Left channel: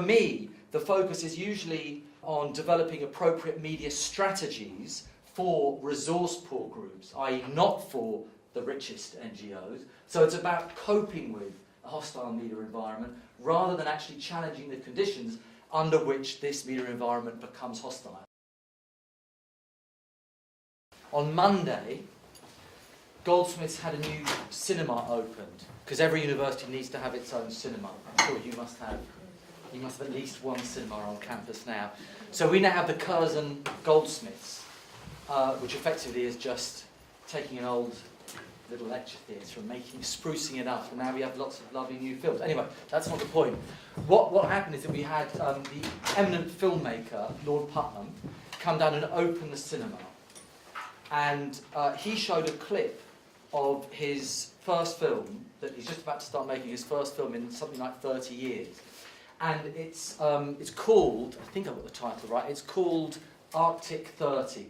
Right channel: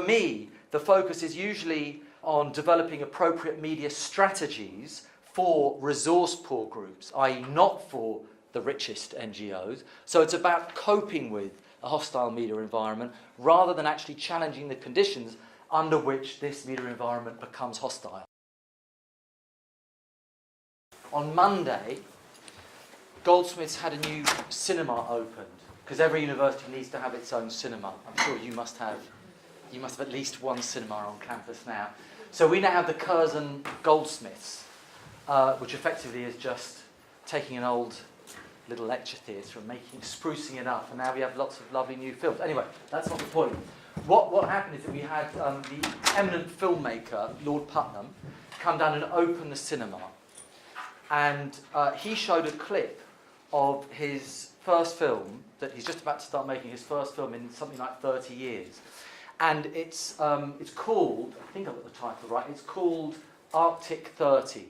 for me, the focus is usually on developing appropriate media strategies for resource-poor groups, i.e. not for the richest NGOs. So it's about coping with a hostile media environment rather than actually challenging the conditions under which this media environment becomes hostile. On Monday, Goldsmiths had a new cinema opened, because every university needs to have its own cinema. I'm sure you must have at least one cinema on campus now. So we now have the Curzon Goldsmiths, which effectively is just taking an old little lecture theatre and sprucing it up, and now we have lots of lovely new films. Anyway, that's not the point. What happened is that we had the eminent filmmaker, Lord Putnam, come down and open the cinema, and he showed a clip of his first film, that he's just about to start making his first film in something like 30 years. And it's called, I think I've got the title right, it's called Arctic 30.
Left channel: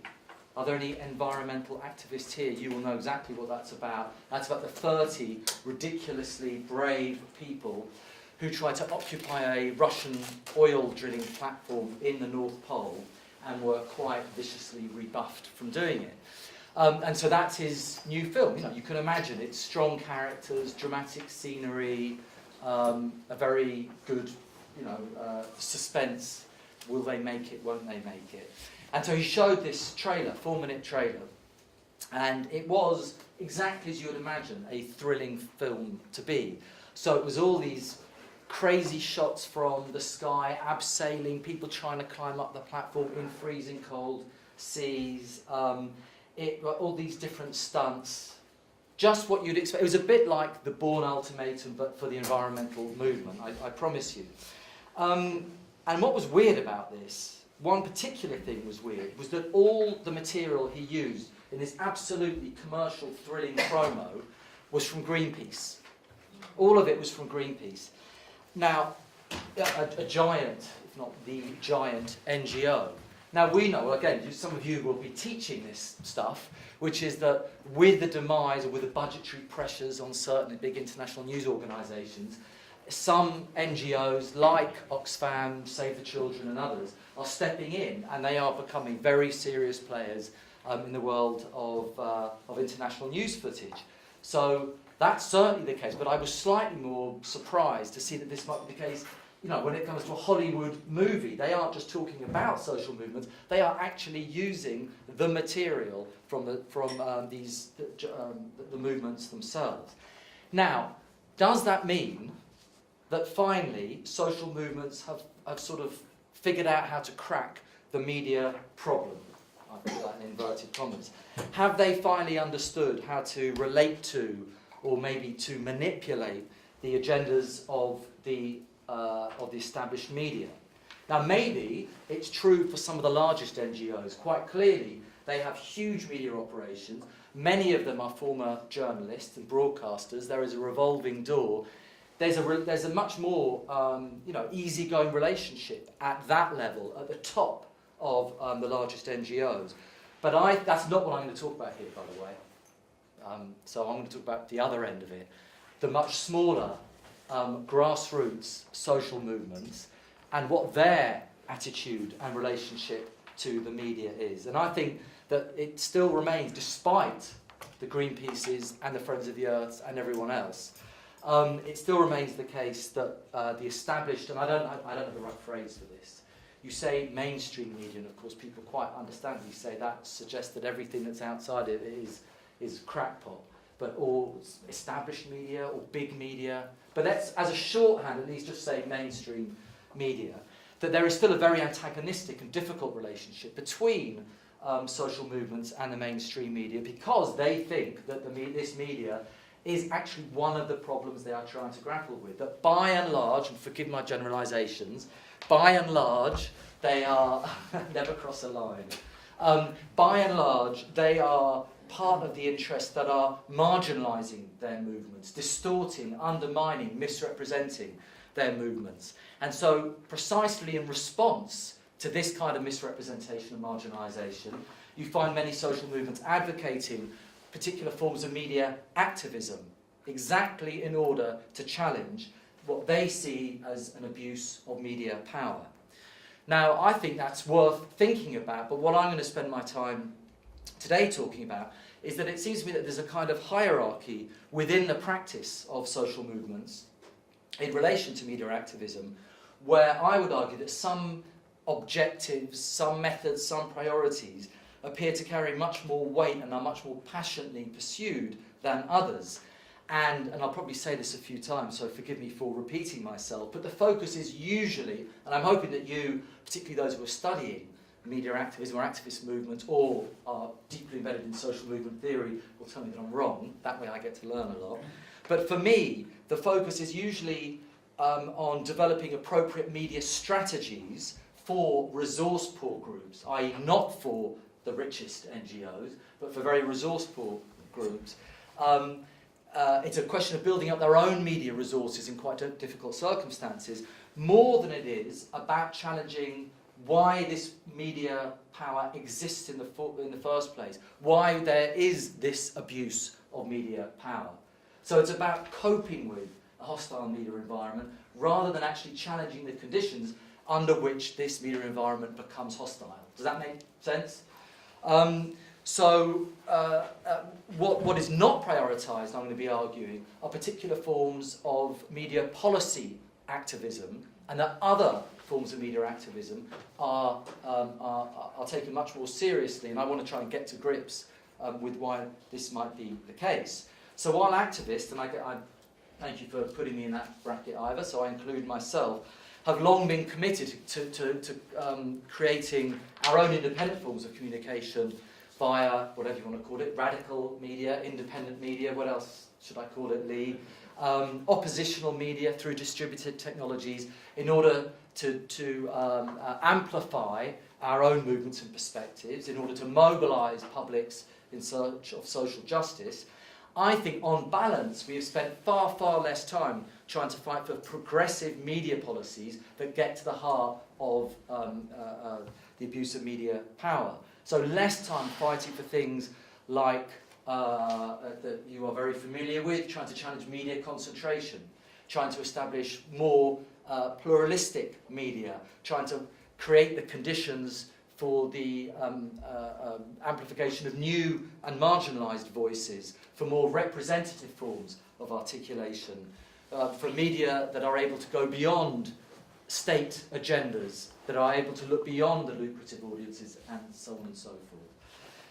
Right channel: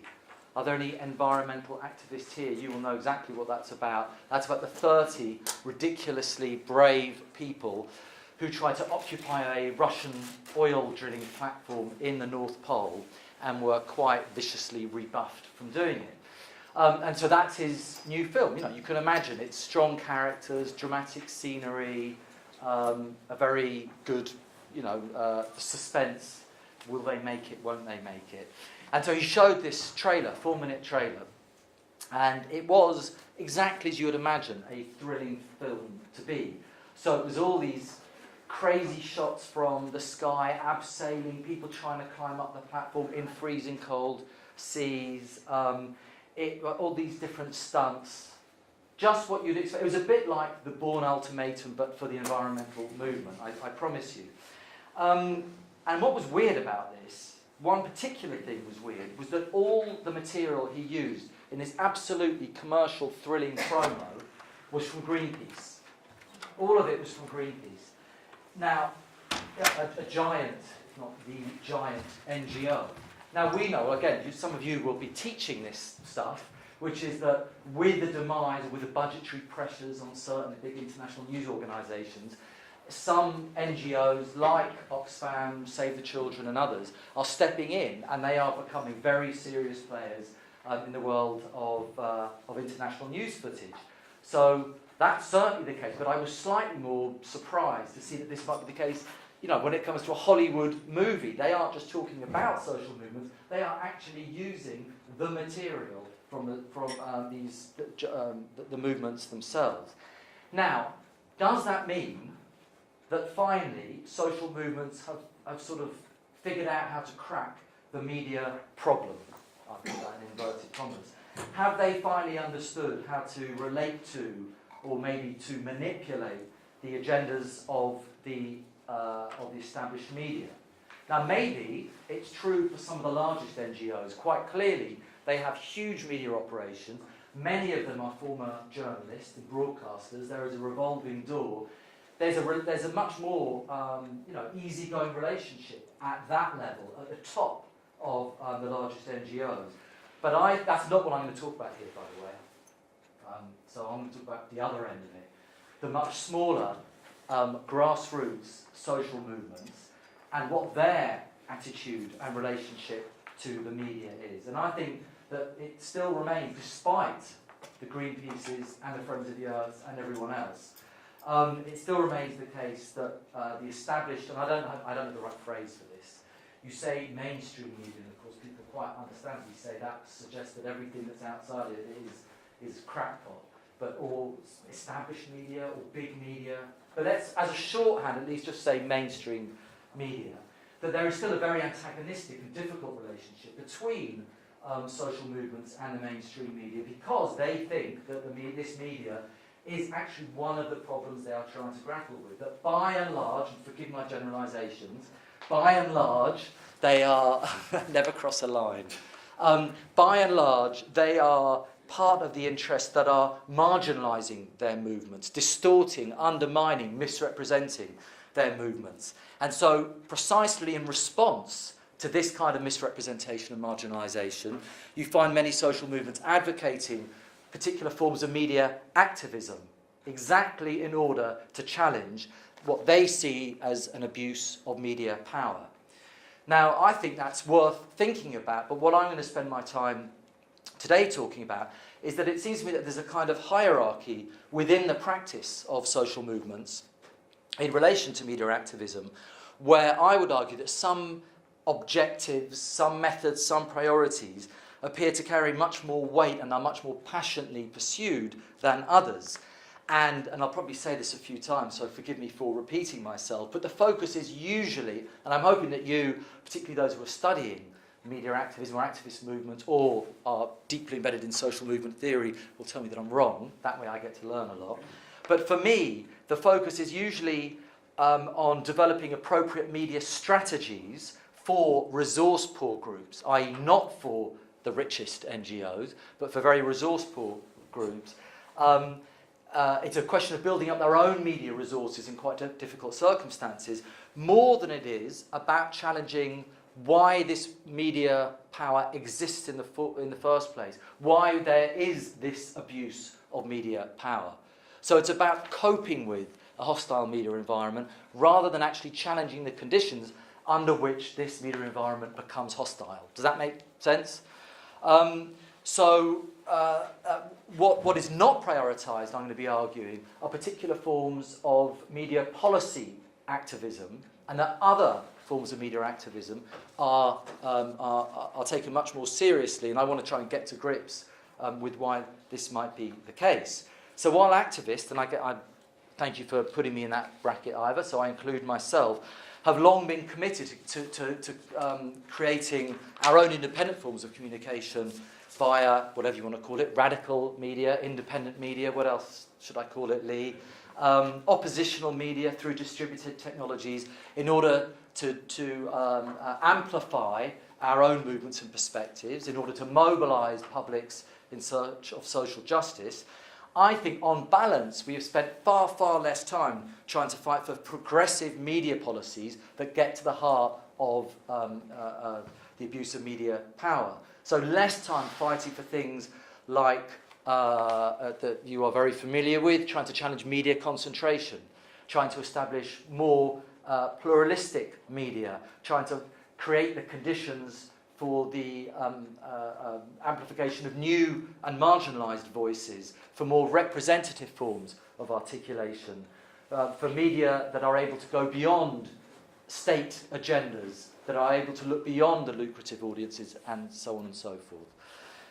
Are there any environmental activists here? You will know exactly what that's about. That's about the 30 ridiculously brave people who tried to occupy a Russian oil drilling platform in the North Pole and were quite viciously rebuffed from doing it. And so that's his new film. You know, you can imagine it's strong characters, dramatic scenery, a very good, suspense. Will they make it? Won't they make it? And so he showed this trailer, 4-minute trailer, and it was exactly as you would imagine a thrilling film to be. So it was all these crazy shots from the sky, abseiling, people trying to climb up the platform in freezing cold seas, all these different stunts, just what you'd expect. It was a bit like the Bourne Ultimatum, but for the environmental movement, I promise you. And what was weird about this, one particular thing was weird, was that all the material he used in this absolutely commercial, thrilling promo was from Greenpeace. All of it was from Greenpeace. Now, a giant, if not the giant, NGO. Now we know, again, some of you will be teaching this stuff, which is that with the demise or with the budgetary pressures on certain big international news organisations, some NGOs like Oxfam, Save the Children and others are stepping in, and they are becoming very serious players in the world of international news footage. So that's certainly the case, but I was slightly more surprised to see that this might be the case. You know, when it comes to a Hollywood movie, they aren't just talking about social movements, they are actually using the material from the movements themselves. Now, does that mean that finally social movements have sort of figured out how to crack the media problem? I put that in inverted commas. Have they finally understood how to relate to, or maybe to manipulate, the agendas of the established media? Now maybe it's true for some of the largest NGOs. Quite clearly they have huge media operations. Many of them are former journalists and broadcasters. There is a revolving door. There's a much more easygoing relationship at that level, at the top of the largest NGOs. But that's not what I'm going to talk about here, by the way. So I'm going to talk about the other end of it, the much smaller grassroots social movements and what their attitude and relationship to the media is. And I think that it still remains, despite the Greenpeaces and the Friends of the Earth and everyone else, it still remains the case that the established, and I don't know the right phrase for this, you say mainstream media, and of course people quite understandably say that suggests that everything that's outside it is crackpot, but or established media or big media, but let's, as a shorthand, at least just say mainstream media, that there is still a very antagonistic and difficult relationship between social movements and the mainstream media, because they think that this media is actually one of the problems they are trying to grapple with. That by and large, and forgive my generalisations, by and large they are, never cross a line, by and large they are part of the interests that are marginalising their movements, distorting, undermining, misrepresenting their movements. And so precisely in response to this kind of misrepresentation and marginalisation, you find many social movements advocating particular forms of media activism, exactly in order to challenge what they see as an abuse of media power. Now, I think that's worth thinking about, but what I'm going to spend my time today talking about is that it seems to me that there's a kind of hierarchy within the practice of social movements in relation to media activism, where I would argue that some objectives, some methods, some priorities appear to carry much more weight and are much more passionately pursued than others. And I'll probably say this a few times, so forgive me for repeating myself, but the focus is usually, and I'm hoping that you, particularly those who are studying media activism or activist movements or are deeply embedded in social movement theory, will tell me that I'm wrong. That way I get to learn a lot. But for me, the focus is usually on developing appropriate media strategies for resource-poor groups, i.e. not for the richest NGOs, but for very resource-poor groups. It's a question of building up their own media resources in quite difficult circumstances, more than it is about challenging why this media power exists in the first place, why there is this abuse of media power. So it's about coping with a hostile media environment rather than actually challenging the conditions under which this media environment becomes hostile. Does that make sense? What is not prioritised, I'm going to be arguing, are particular forms of media policy activism, and that other forms of media activism are taken much more seriously, and I want to try and get to grips with why this might be the case. So while activists, and I thank you for putting me in that bracket, Ivor, so I include myself, have long been committed to creating our own independent forms of communication via, whatever you want to call it, radical media, independent media, what else should I call it, Lee? Oppositional media through distributed technologies in order to amplify our own movements and perspectives, in order to mobilise publics in search of social justice. I think, on balance, we have spent far, far less time trying to fight for progressive media policies that get to the heart of the abuse of media power. So less time fighting for things like, that you are very familiar with, trying to challenge media concentration, trying to establish more pluralistic media, trying to create the conditions for the amplification of new and marginalised voices, for more representative forms of articulation, for media that are able to go beyond state agendas, that are able to look beyond the lucrative audiences, and so on and so forth.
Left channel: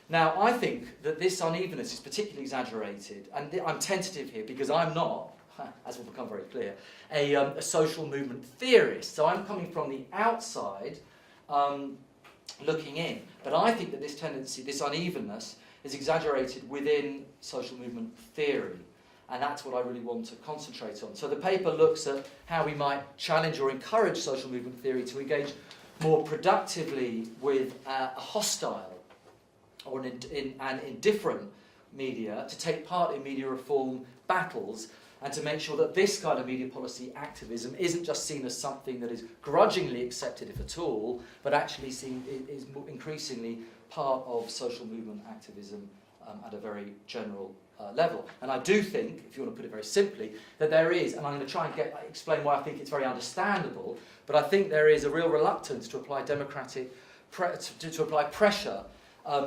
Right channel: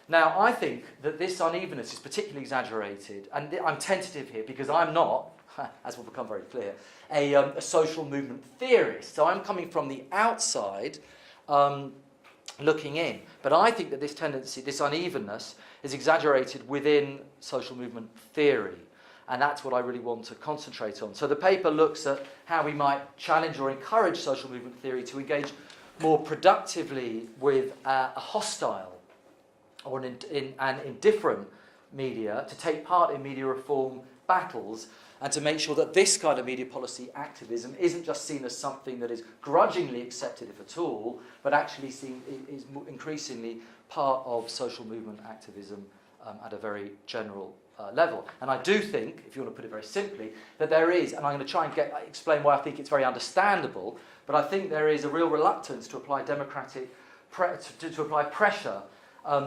Now, I think that this unevenness is particularly exaggerated, and I'm tentative here because I'm not, as will become very clear, a social movement theorist. So I'm coming from the outside, looking in. But I think that this tendency, this unevenness, is exaggerated within social movement theory. And that's what I really want to concentrate on. So the paper looks at how we might challenge or encourage social movement theory to engage more productively with a hostile or an indifferent media, to take part in media reform battles, and to make sure that this kind of media policy activism isn't just seen as something that is grudgingly accepted, if at all, but actually seen is increasingly part of social movement activism at a very general level. And I do think, if you want to put it very simply, that there is, and I'm going to try and explain why I think it's very understandable, but I think there is a real reluctance to apply to apply pressure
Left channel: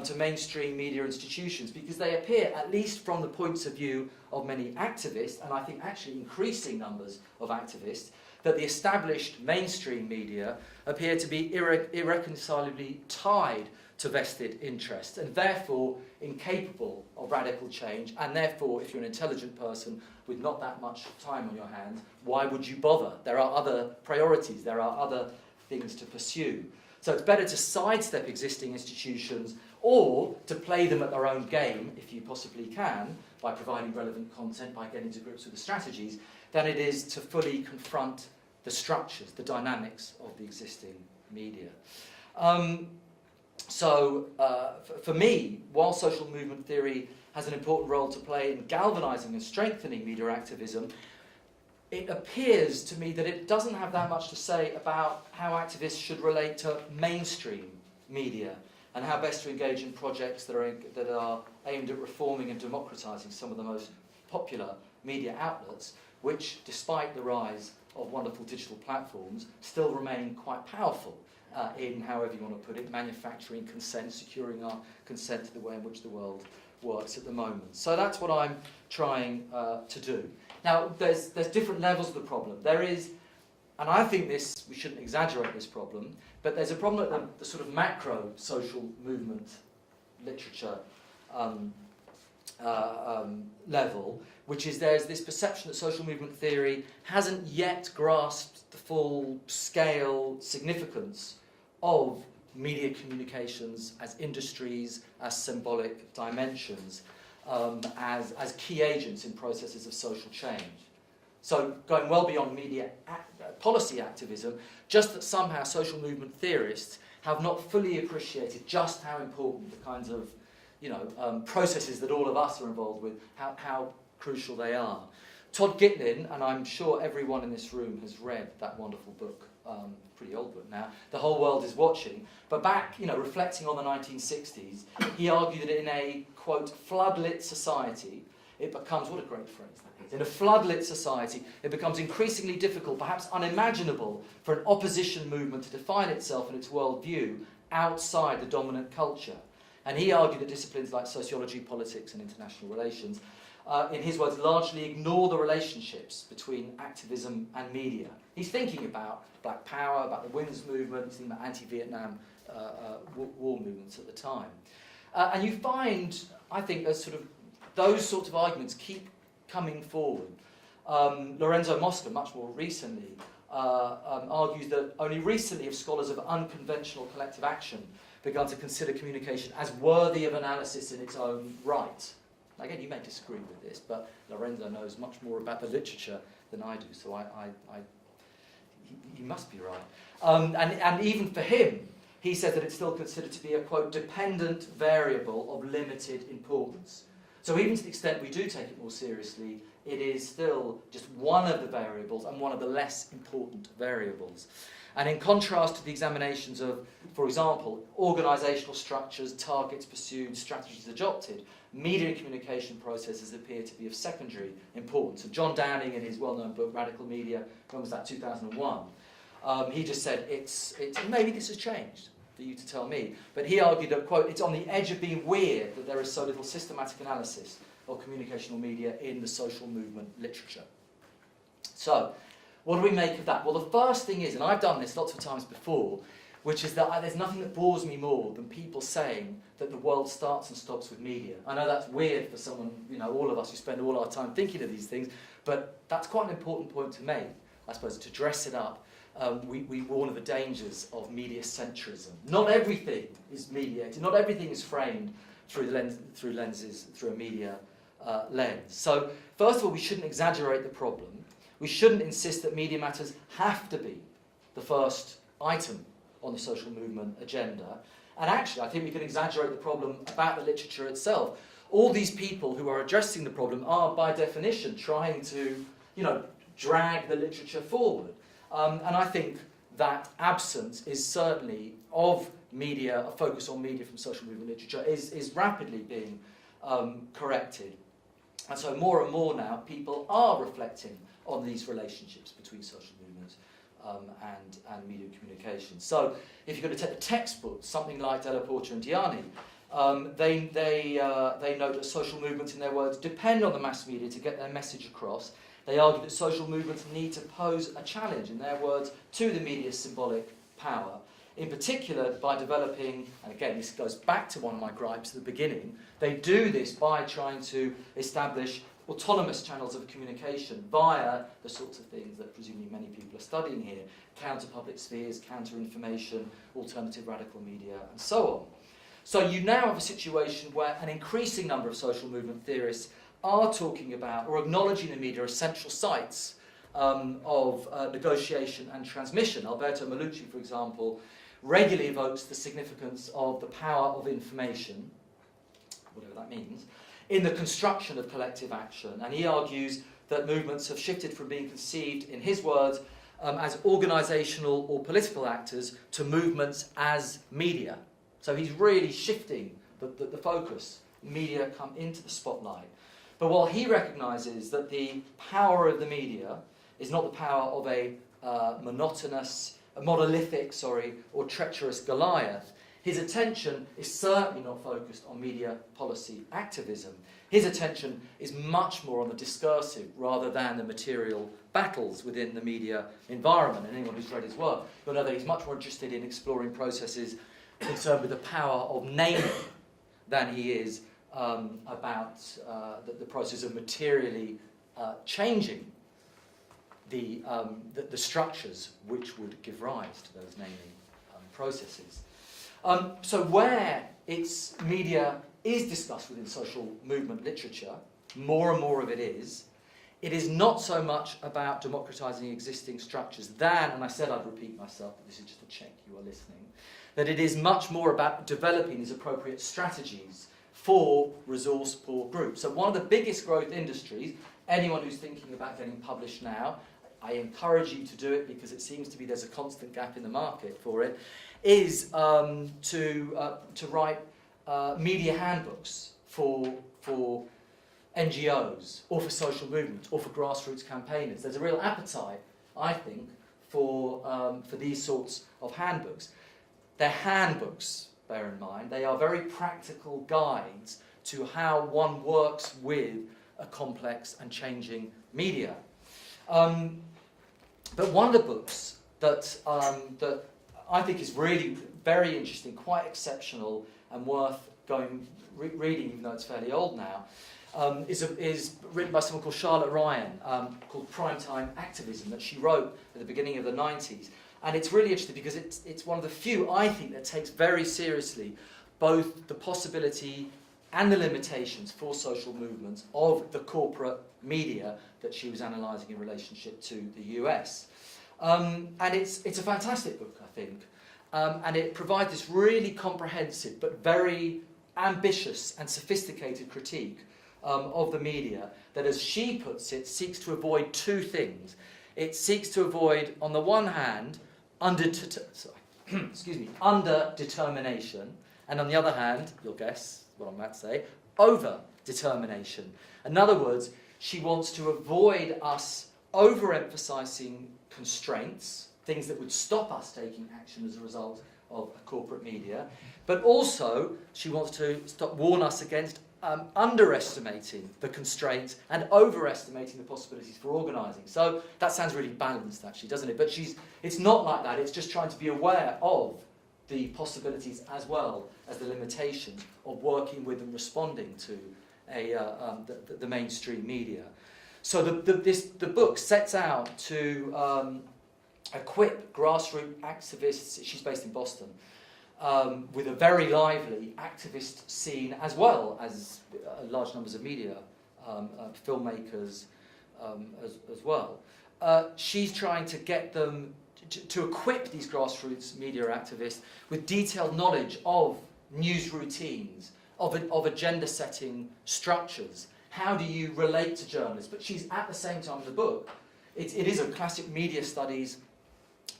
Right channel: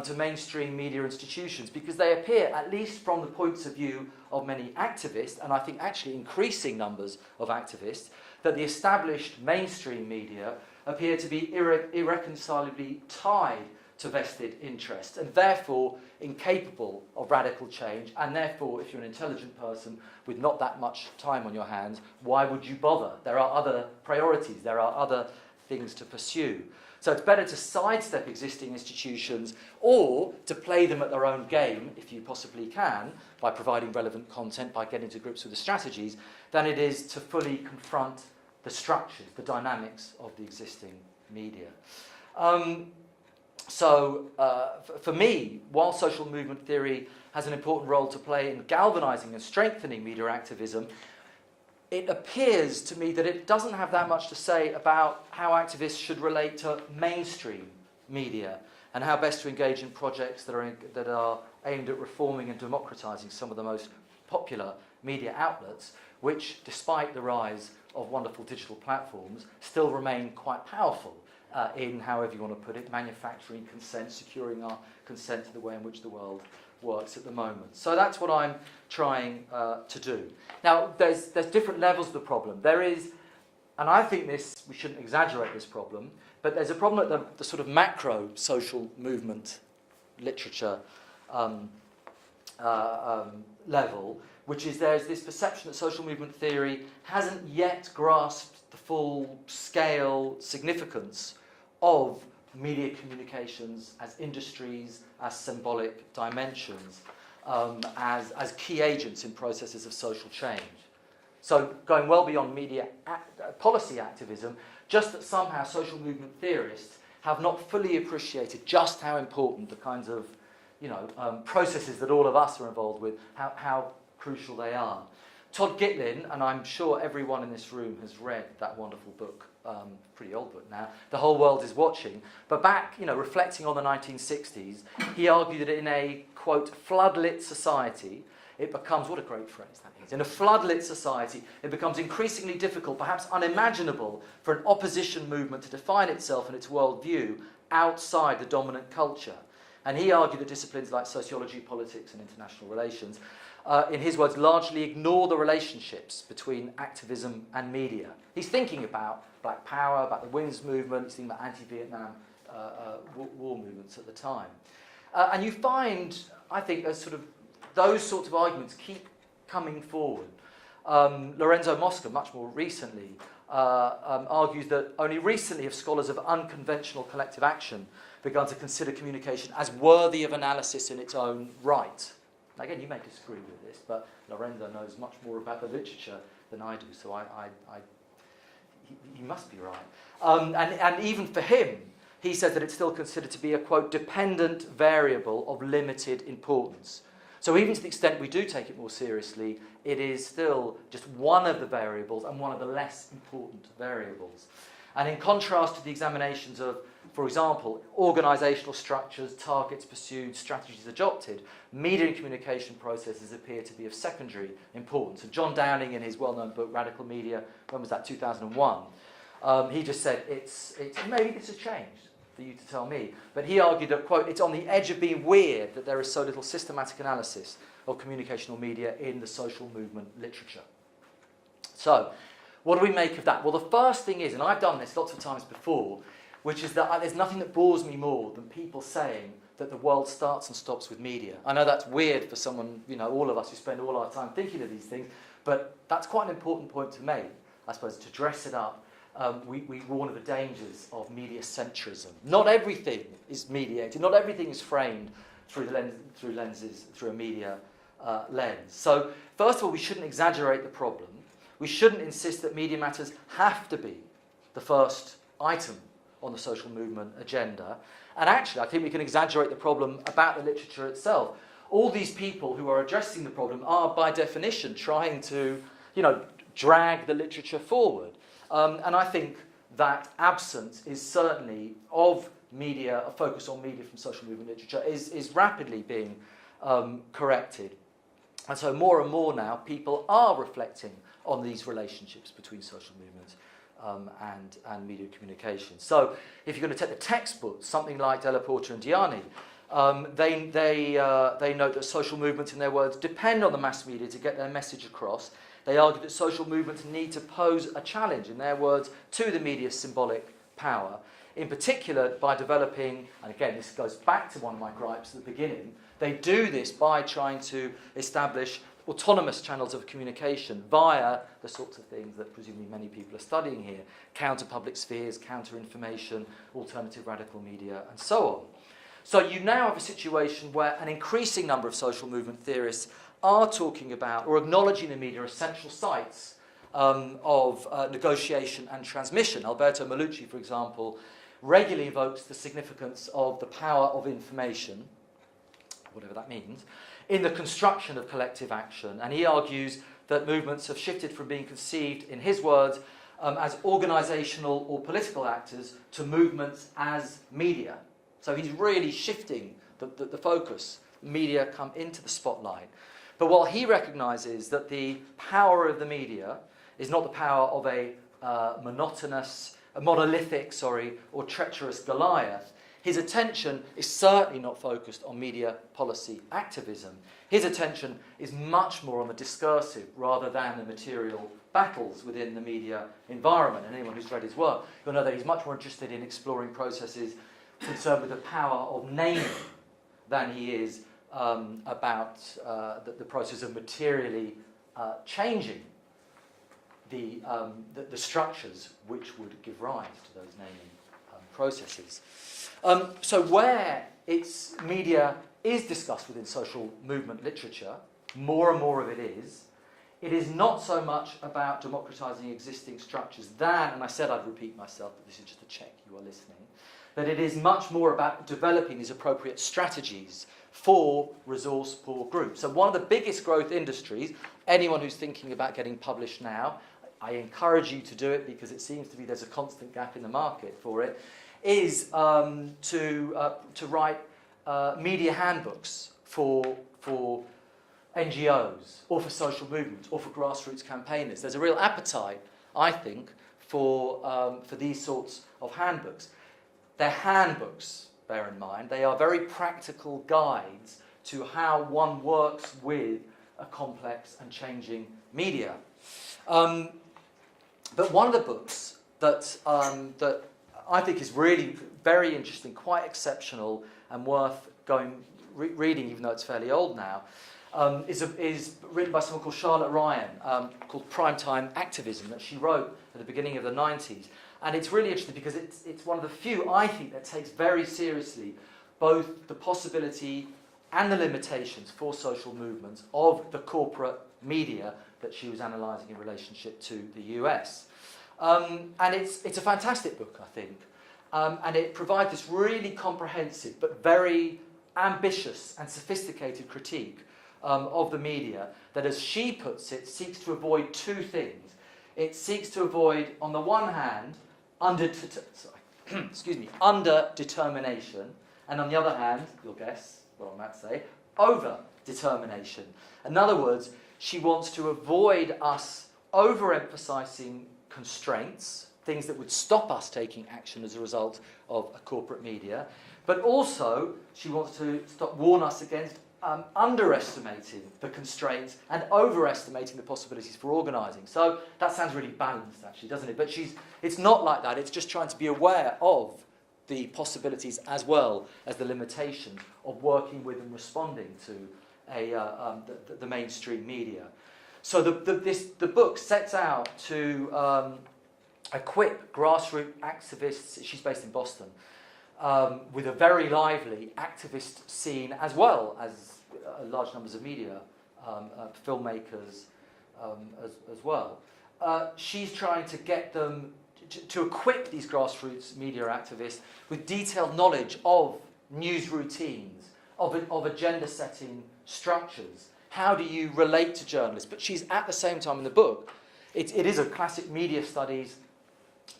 to mainstream media institutions, because they appear, at least from the points of view of many activists, and I think actually increasing numbers of activists, that the established mainstream media appear to be irreconcilably tied to vested interests, and therefore incapable of radical change, and therefore, if you're an intelligent person with not that much time on your hands, why would you bother? There are other priorities, there are other things to pursue. So it's better to sidestep existing institutions, or to play them at their own game, if you possibly can, by providing relevant content, by getting to grips with the strategies, than it is to fully confront the structures, the dynamics of the existing media. For me, while social movement theory has an important role to play in galvanising and strengthening media activism, it appears to me that it doesn't have that much to say about how activists should relate to mainstream media and how best to engage in projects that are aimed at reforming and democratising some of the most popular media outlets, which, despite the rise of wonderful digital platforms, still remain quite powerful in, however you want to put it, manufacturing consent, securing our consent to the way in which the world works at the moment. So that's what I'm trying to do. Now, there's different levels of the problem. There is, and I think this, we shouldn't exaggerate this problem, but there's a problem at the sort of macro social movement literature level, which is there's this perception that social movement theory hasn't yet grasped the full scale significance of media communications as industries, as symbolic dimensions, as key agents in processes of social change. So going well beyond media policy activism, just that somehow social movement theorists have not fully appreciated just how important the kinds of processes that all of us are involved with, how crucial they are. Todd Gitlin, and I'm sure everyone in this room has read that wonderful book, pretty old book now, The Whole World is Watching, but back, reflecting on the 1960s, he argued that in a, quote, floodlit society, it becomes, what a great phrase that is, in a floodlit society, it becomes increasingly difficult, perhaps unimaginable, for an opposition movement to define itself and its worldview outside the dominant culture. And he argued that disciplines like sociology, politics, and international relations, in his words, largely ignore the relationships between activism and media. He's thinking about Black Power, about the women's movement, he's thinking about anti-Vietnam war movements at the time. And you find, I think, as sort of those sorts of arguments keep coming forward. Lorenzo Mosca, much more recently, argues that only recently have scholars of unconventional collective action begun to consider communication as worthy of analysis in its own right. Now, again, you may disagree with this, but Lorenzo knows much more about the literature than I do, so he must be right. And even for him, he says that it's still considered to be a, quote, dependent variable of limited importance. So even to the extent we do take it more seriously, it is still just one of the variables and one of the less important variables. And in contrast to the examinations of, for example, organisational structures, targets pursued, strategies adopted, media and communication processes appear to be of secondary importance. And John Downing, in his well-known book, Radical Media, when was that, 2001, he just said, it's maybe this has changed, for you to tell me. But he argued that, quote, it's on the edge of being weird that there is so little systematic analysis of communicational media in the social movement literature. So, what do we make of that? Well, the first thing is, and I've done this lots of times before, which is that there's nothing that bores me more than people saying that the world starts and stops with media. I know that's weird for someone, all of us who spend all our time thinking of these things, but that's quite an important point to make, I suppose, to dress it up. We warn of the dangers of media centrism. Not everything is mediated, not everything is framed through a media lens. So, first of all, we shouldn't exaggerate the problem. We shouldn't insist that media matters have to be the first item on the social movement agenda. And actually, I think we can exaggerate the problem about the literature itself. All these people who are addressing the problem are, by definition, trying to, drag the literature forward. And I think that absence is certainly of media, a focus on media from social movement literature, is rapidly being corrected. And so more and more now, people are reflecting on these relationships between social movement and media communication. So if you're going to take the textbooks, something like Della Porta and Diani, they note that social movements, in their words, depend on the mass media to get their message across. They argue that social movements need to pose a challenge, in their words, to the media's symbolic power, in particular by developing, and again this goes back to one of my gripes at the beginning, they do this by trying to establish autonomous channels of communication via the sorts of things that presumably many people are studying here, counter-public spheres, counter-information, alternative radical media, and so on. So you now have a situation where an increasing number of social movement theorists are talking about or acknowledging the media as central sites of negotiation and transmission. Alberto Malucci, for example, regularly evokes the significance of the power of information, whatever that means, in the construction of collective action. And he argues that movements have shifted from being conceived, in his words, as organisational or political actors to movements as media. So he's really shifting the focus. Media come into the spotlight. But what he recognises that the power of the media is not the power of a monolithic, or treacherous Goliath. His attention is certainly not focused on media policy activism. His attention is much more on the discursive rather than the material battles within the media environment. And anyone who's read his work, you'll know that he's much more interested in exploring processes concerned with the power of naming than he is about the process of materially changing the structures which would give rise to those naming processes. So where its media is discussed within social movement literature, more and more of it is not so much about democratising existing structures than, and I said I'd repeat myself, but this is just to check you are listening, that it is much more about developing these appropriate strategies for resource-poor groups. So one of the biggest growth industries, anyone who's thinking about getting published now, I encourage you to do it because it seems to be there's a constant gap in the market for it, is to write media handbooks for NGOs or for social movements or for grassroots campaigners. There's a real appetite, I think, for these sorts of handbooks. They're handbooks, bear in mind. They are very practical guides to how one works with a complex and changing media. But one of the books that I think is really very interesting, quite exceptional, and worth reading, even though it's fairly old now, is written by someone called Charlotte Ryan, called Primetime Activism, that she wrote at the beginning of the 90s. And it's really interesting because it's one of the few, I think, that takes very seriously both the possibility and the limitations for social movements of the corporate media that she was analysing in relationship to the US. And it's a fantastic book, I think. And it provides this really comprehensive but very ambitious and sophisticated critique of the media that, as she puts it, seeks to avoid two things. It seeks to avoid, on the one hand, under-determination, and on the other hand, you'll guess what I might say, over-determination. In other words, she wants to avoid us overemphasising constraints, things that would stop us taking action as a result of a corporate media, but also she wants to warn us against underestimating the constraints and overestimating the possibilities for organising. So that sounds really balanced, actually, doesn't it? But it's not like that. It's just trying to be aware of the possibilities as well as the limitations of working with and responding to the mainstream media. So the book sets out to equip grassroots activists. She's based in Boston. With a very lively activist scene, as well as large numbers of media filmmakers as well. She's trying to get them to equip these grassroots media activists with detailed knowledge of news routines, of agenda-setting structures. How do you relate to journalists? But she's, at the same time in the book, it is a classic media studies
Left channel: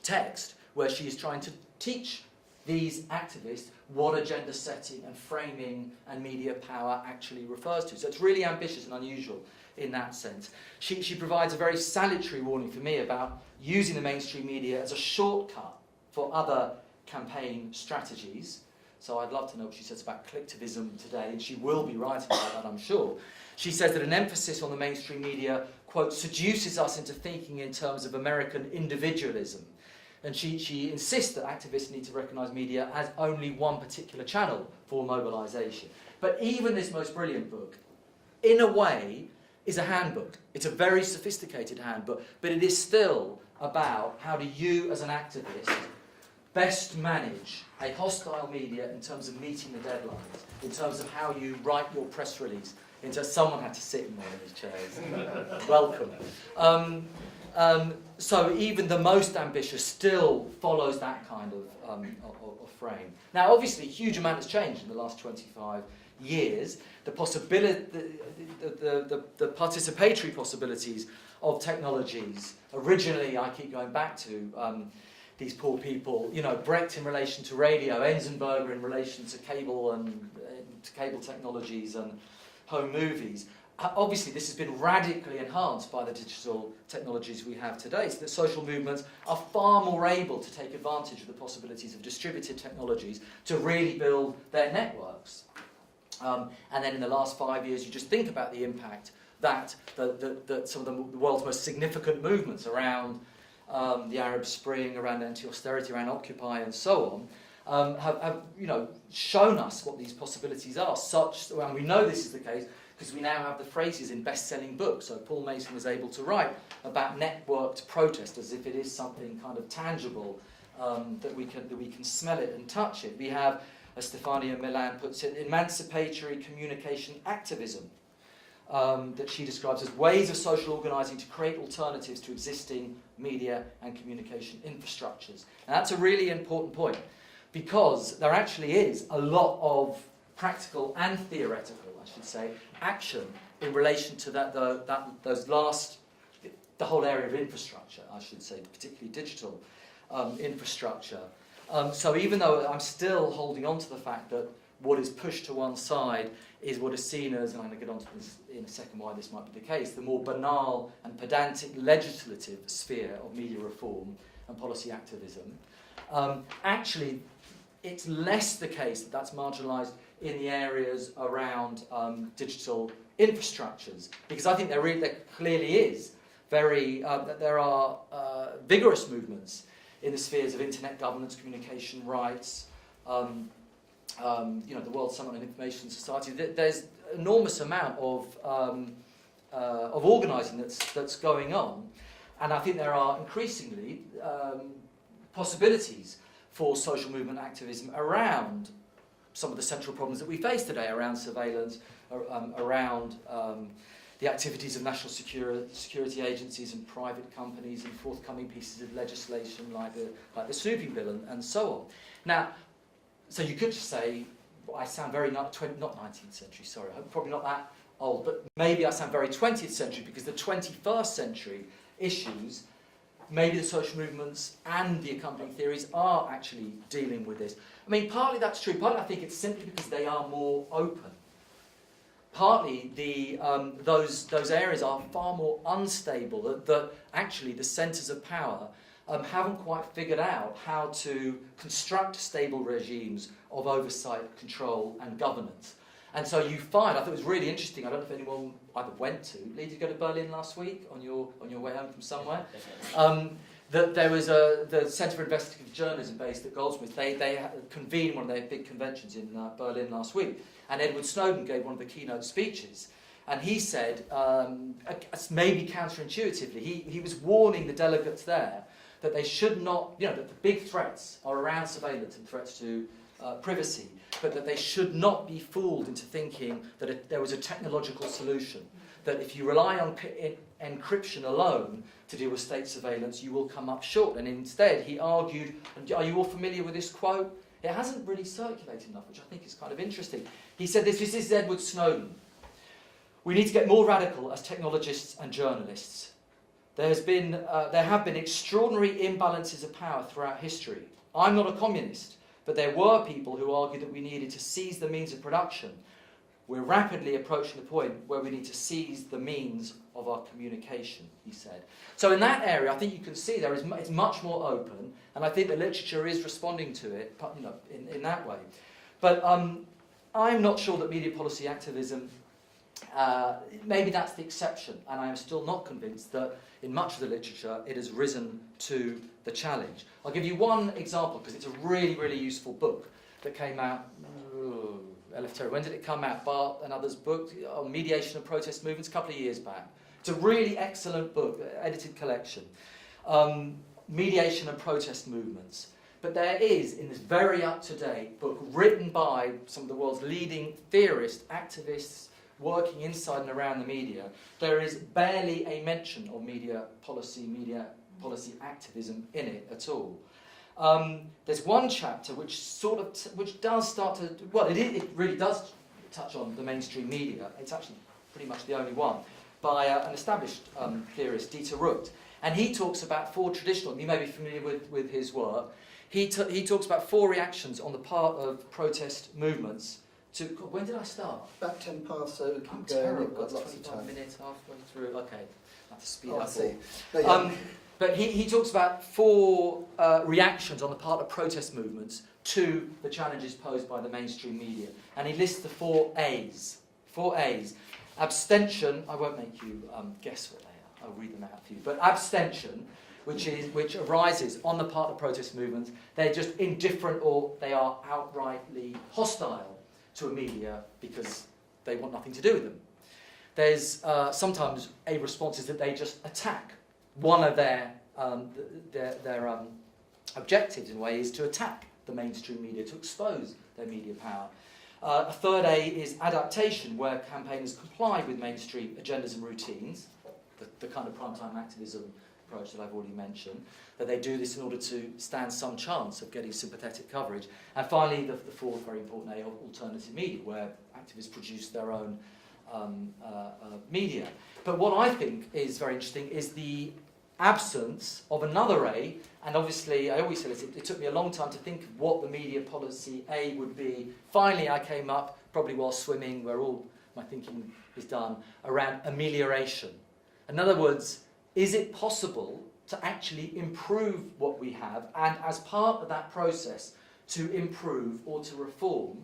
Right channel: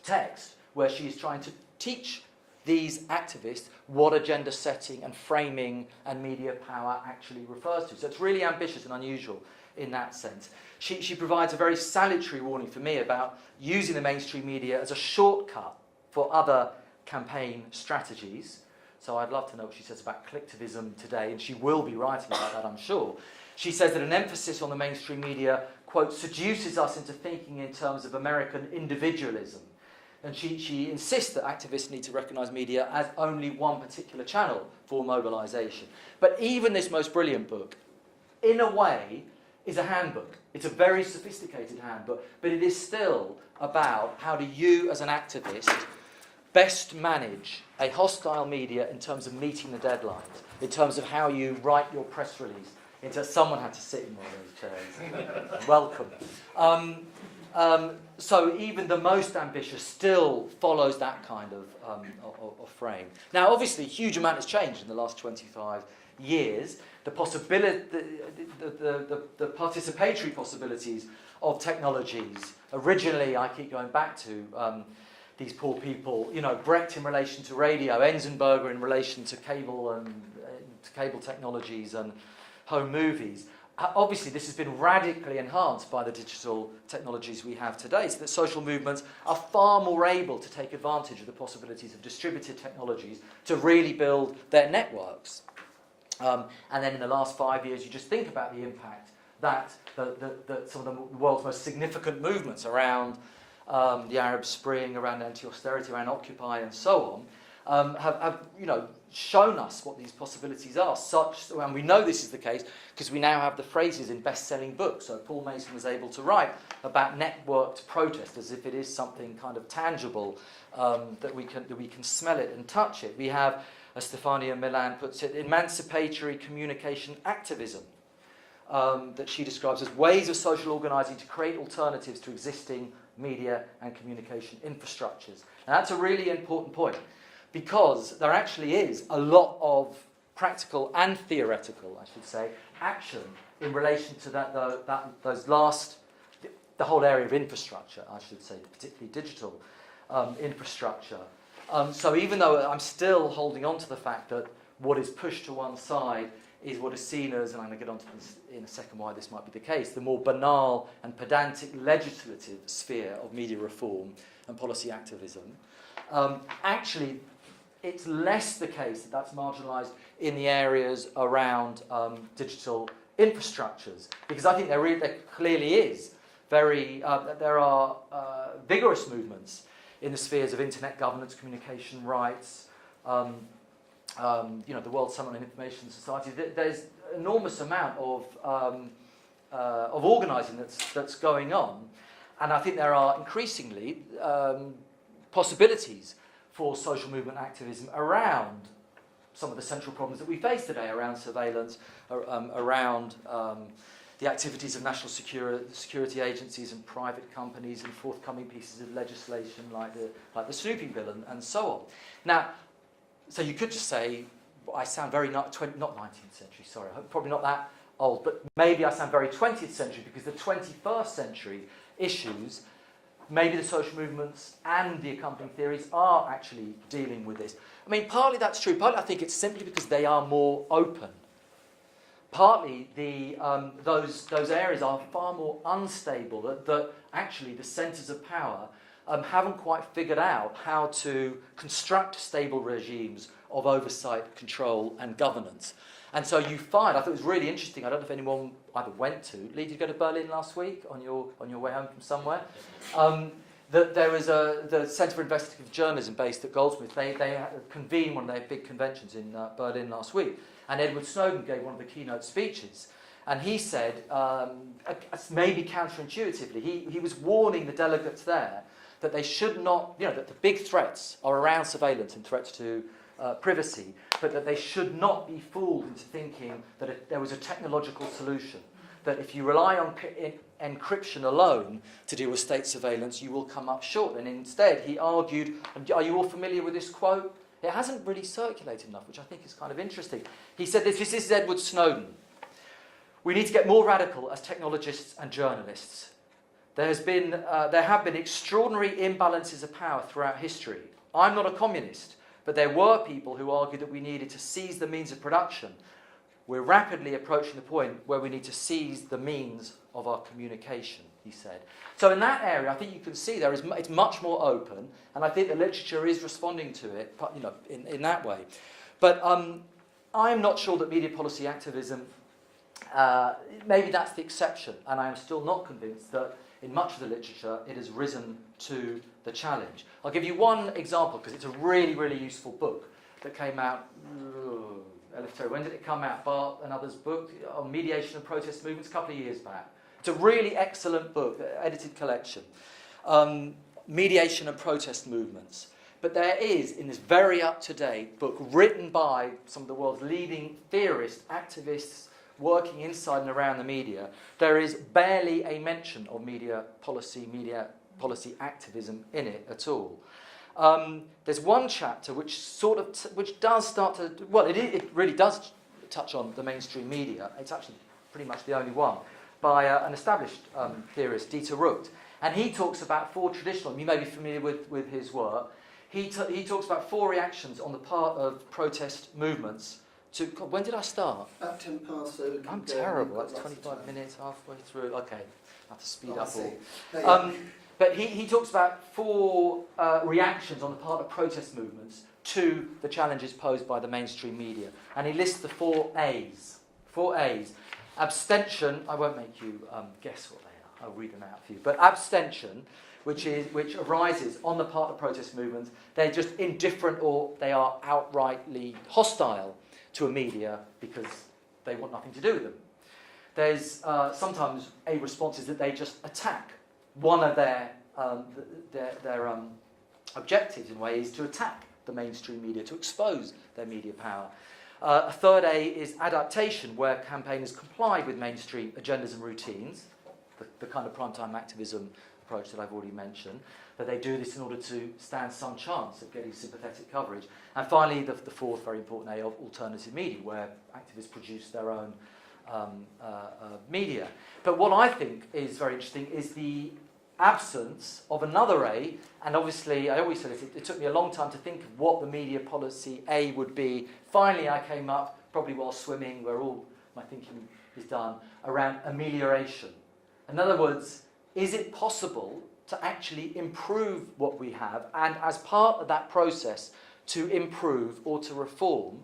text where she is trying to teach these activists what agenda setting and framing and media power actually refers to. So it's really ambitious and unusual in that sense. She provides a very salutary warning for me about using the mainstream media as a shortcut for other campaign strategies. So I'd love to know what she says about collectivism today, and she will be writing about that, I'm sure. She says that an emphasis on the mainstream media, quote, seduces us into thinking in terms of American individualism. And she insists that activists need to recognise media as only one particular channel for mobilisation. But even this most brilliant book, in a way, is a handbook. It's a very sophisticated handbook, but it is still about how do you, as an activist, best manage a hostile media in terms of meeting the deadlines, in terms of how you write your press release. Someone had to sit in one of those chairs. Welcome. So even the most ambitious still follows that kind of frame. Now, obviously, a huge amount has changed in the last 25 years. The possibility, the participatory possibilities of technologies. Originally, I keep going back to these poor people. You know, Brecht in relation to radio, Enzensberger in relation to cable and to cable technologies and home movies. Obviously, this has been radically enhanced by the digital technologies we have today, so that social movements are far more able to take advantage of the possibilities of distributed technologies to really build their networks. And then in the last 5 years, you just think about the impact that some of the world's most significant movements around the Arab Spring, around anti-austerity, around Occupy, and so on, have shown us what these possibilities are. And we know this is the case because we now have the phrases in best-selling books. So Paul Mason was able to write about networked protest as if it is something kind of tangible, that we can smell it and touch it. We have, as Stefania Milan puts it, emancipatory communication activism, that she describes as ways of social organising to create alternatives to existing media and communication infrastructures. Now that's a really important point, because there actually is a lot of practical and theoretical, I should say, action in relation to the whole area of infrastructure, I should say, particularly digital infrastructure. So even though I'm still holding on to the fact that what is pushed to one side is what is seen as, and I'm going to get onto this in a second why this might be the case, the more banal and pedantic legislative sphere of media reform and policy activism, actually it's less the case that that's marginalised in the areas around digital infrastructures, because I think there clearly is there are vigorous movements in the spheres of internet governance, communication rights, the World Summit on Information Society. There's enormous amount of organising that's going on, and I think there are increasingly possibilities for social movement activism around some of the central problems that we face today, around surveillance, around the activities of national security agencies and private companies, and forthcoming pieces of legislation like the snooping bill and so on. Now, so you could just say, I sound very not 19th century, sorry, I'm probably not that old, but maybe I sound very 20th century, because the 21st century issues, maybe the social movements and the accompanying theories are actually dealing with this. I mean, partly that's true, partly I think it's simply because they are more open. Partly those areas are far more unstable, that actually the centres of power haven't quite figured out how to construct stable regimes of oversight, control and governance. And so you find, I thought it was really interesting, I don't know if anyone either went to, Lee, did you go to Berlin last week on your way home from somewhere? That there was the Centre for Investigative Journalism based at Goldsmiths. They convened one of their big conventions in Berlin last week, and Edward Snowden gave one of the keynote speeches. And he said, maybe counterintuitively, he was warning the delegates there that they should not, that the big threats are around surveillance and threats to privacy, but that they should not be fooled into thinking that there was a technological solution, that if you rely on encryption alone to deal with state surveillance, you will come up short. And instead, he argued, and are you all familiar with this quote? It hasn't really circulated enough, which I think is kind of interesting. He said this is Edward Snowden. We need to get more radical as technologists and journalists. There have been extraordinary imbalances of power throughout history. I'm not a communist, but there were people who argued that we needed to seize the means of production. We're rapidly approaching the point where we need to seize the means of our communication, he said. So in that area, I think you can see it's much more open, and I think the literature is responding to it, in that way. But I'm not sure that media policy activism, maybe that's the exception, and I am still not convinced that in much of the literature it has risen to the challenge. I'll give you one example, because it's a really, really useful book that came out, when did it come out? Bart and others' book on mediation and protest movements a couple of years back. It's a really excellent book, edited collection. Mediation and protest movements. But there is, in this very up-to-date book, written by some of the world's leading theorists, activists, working inside and around the media, there is barely a mention of media policy activism in it at all. There's one chapter which does start to, well, it really does touch on the mainstream media. It's actually pretty much the only one, by an established theorist, Dieter Rucht. And he talks about four traditional, you may be familiar with his work, he talks about four reactions on the part of protest movements when did I start? About 10 past, so I'm terrible. That's 25 minutes, halfway through. Okay, I have to speed up. But he talks about 4 reactions on the part of protest movements to the challenges posed by the mainstream media. And he lists the 4 A's. 4 A's. Abstention, I won't make you guess what they are, I'll read them out for you. But abstention, which arises on the part of protest movements, they're just indifferent or they are outrightly hostile to a media because they want nothing to do with them. There's sometimes a response is that they just attack. One of their objectives, in a way, is to attack the mainstream media, to expose their media power. A third A is adaptation, where campaigners comply with mainstream agendas and routines, the kind of primetime activism approach that I've already mentioned, that they do this in order to stand some chance of getting sympathetic coverage. And finally, the fourth very important A of alternative media, where activists produce their own media. But what I think is very interesting is the absence of another A, and obviously, I always say this, it took me a long time to think of what the media policy A would be. Finally, I came up, probably while swimming, where all my thinking is done, around amelioration. In other words, is it possible to actually improve what we have, and as part of that process, to improve or to reform,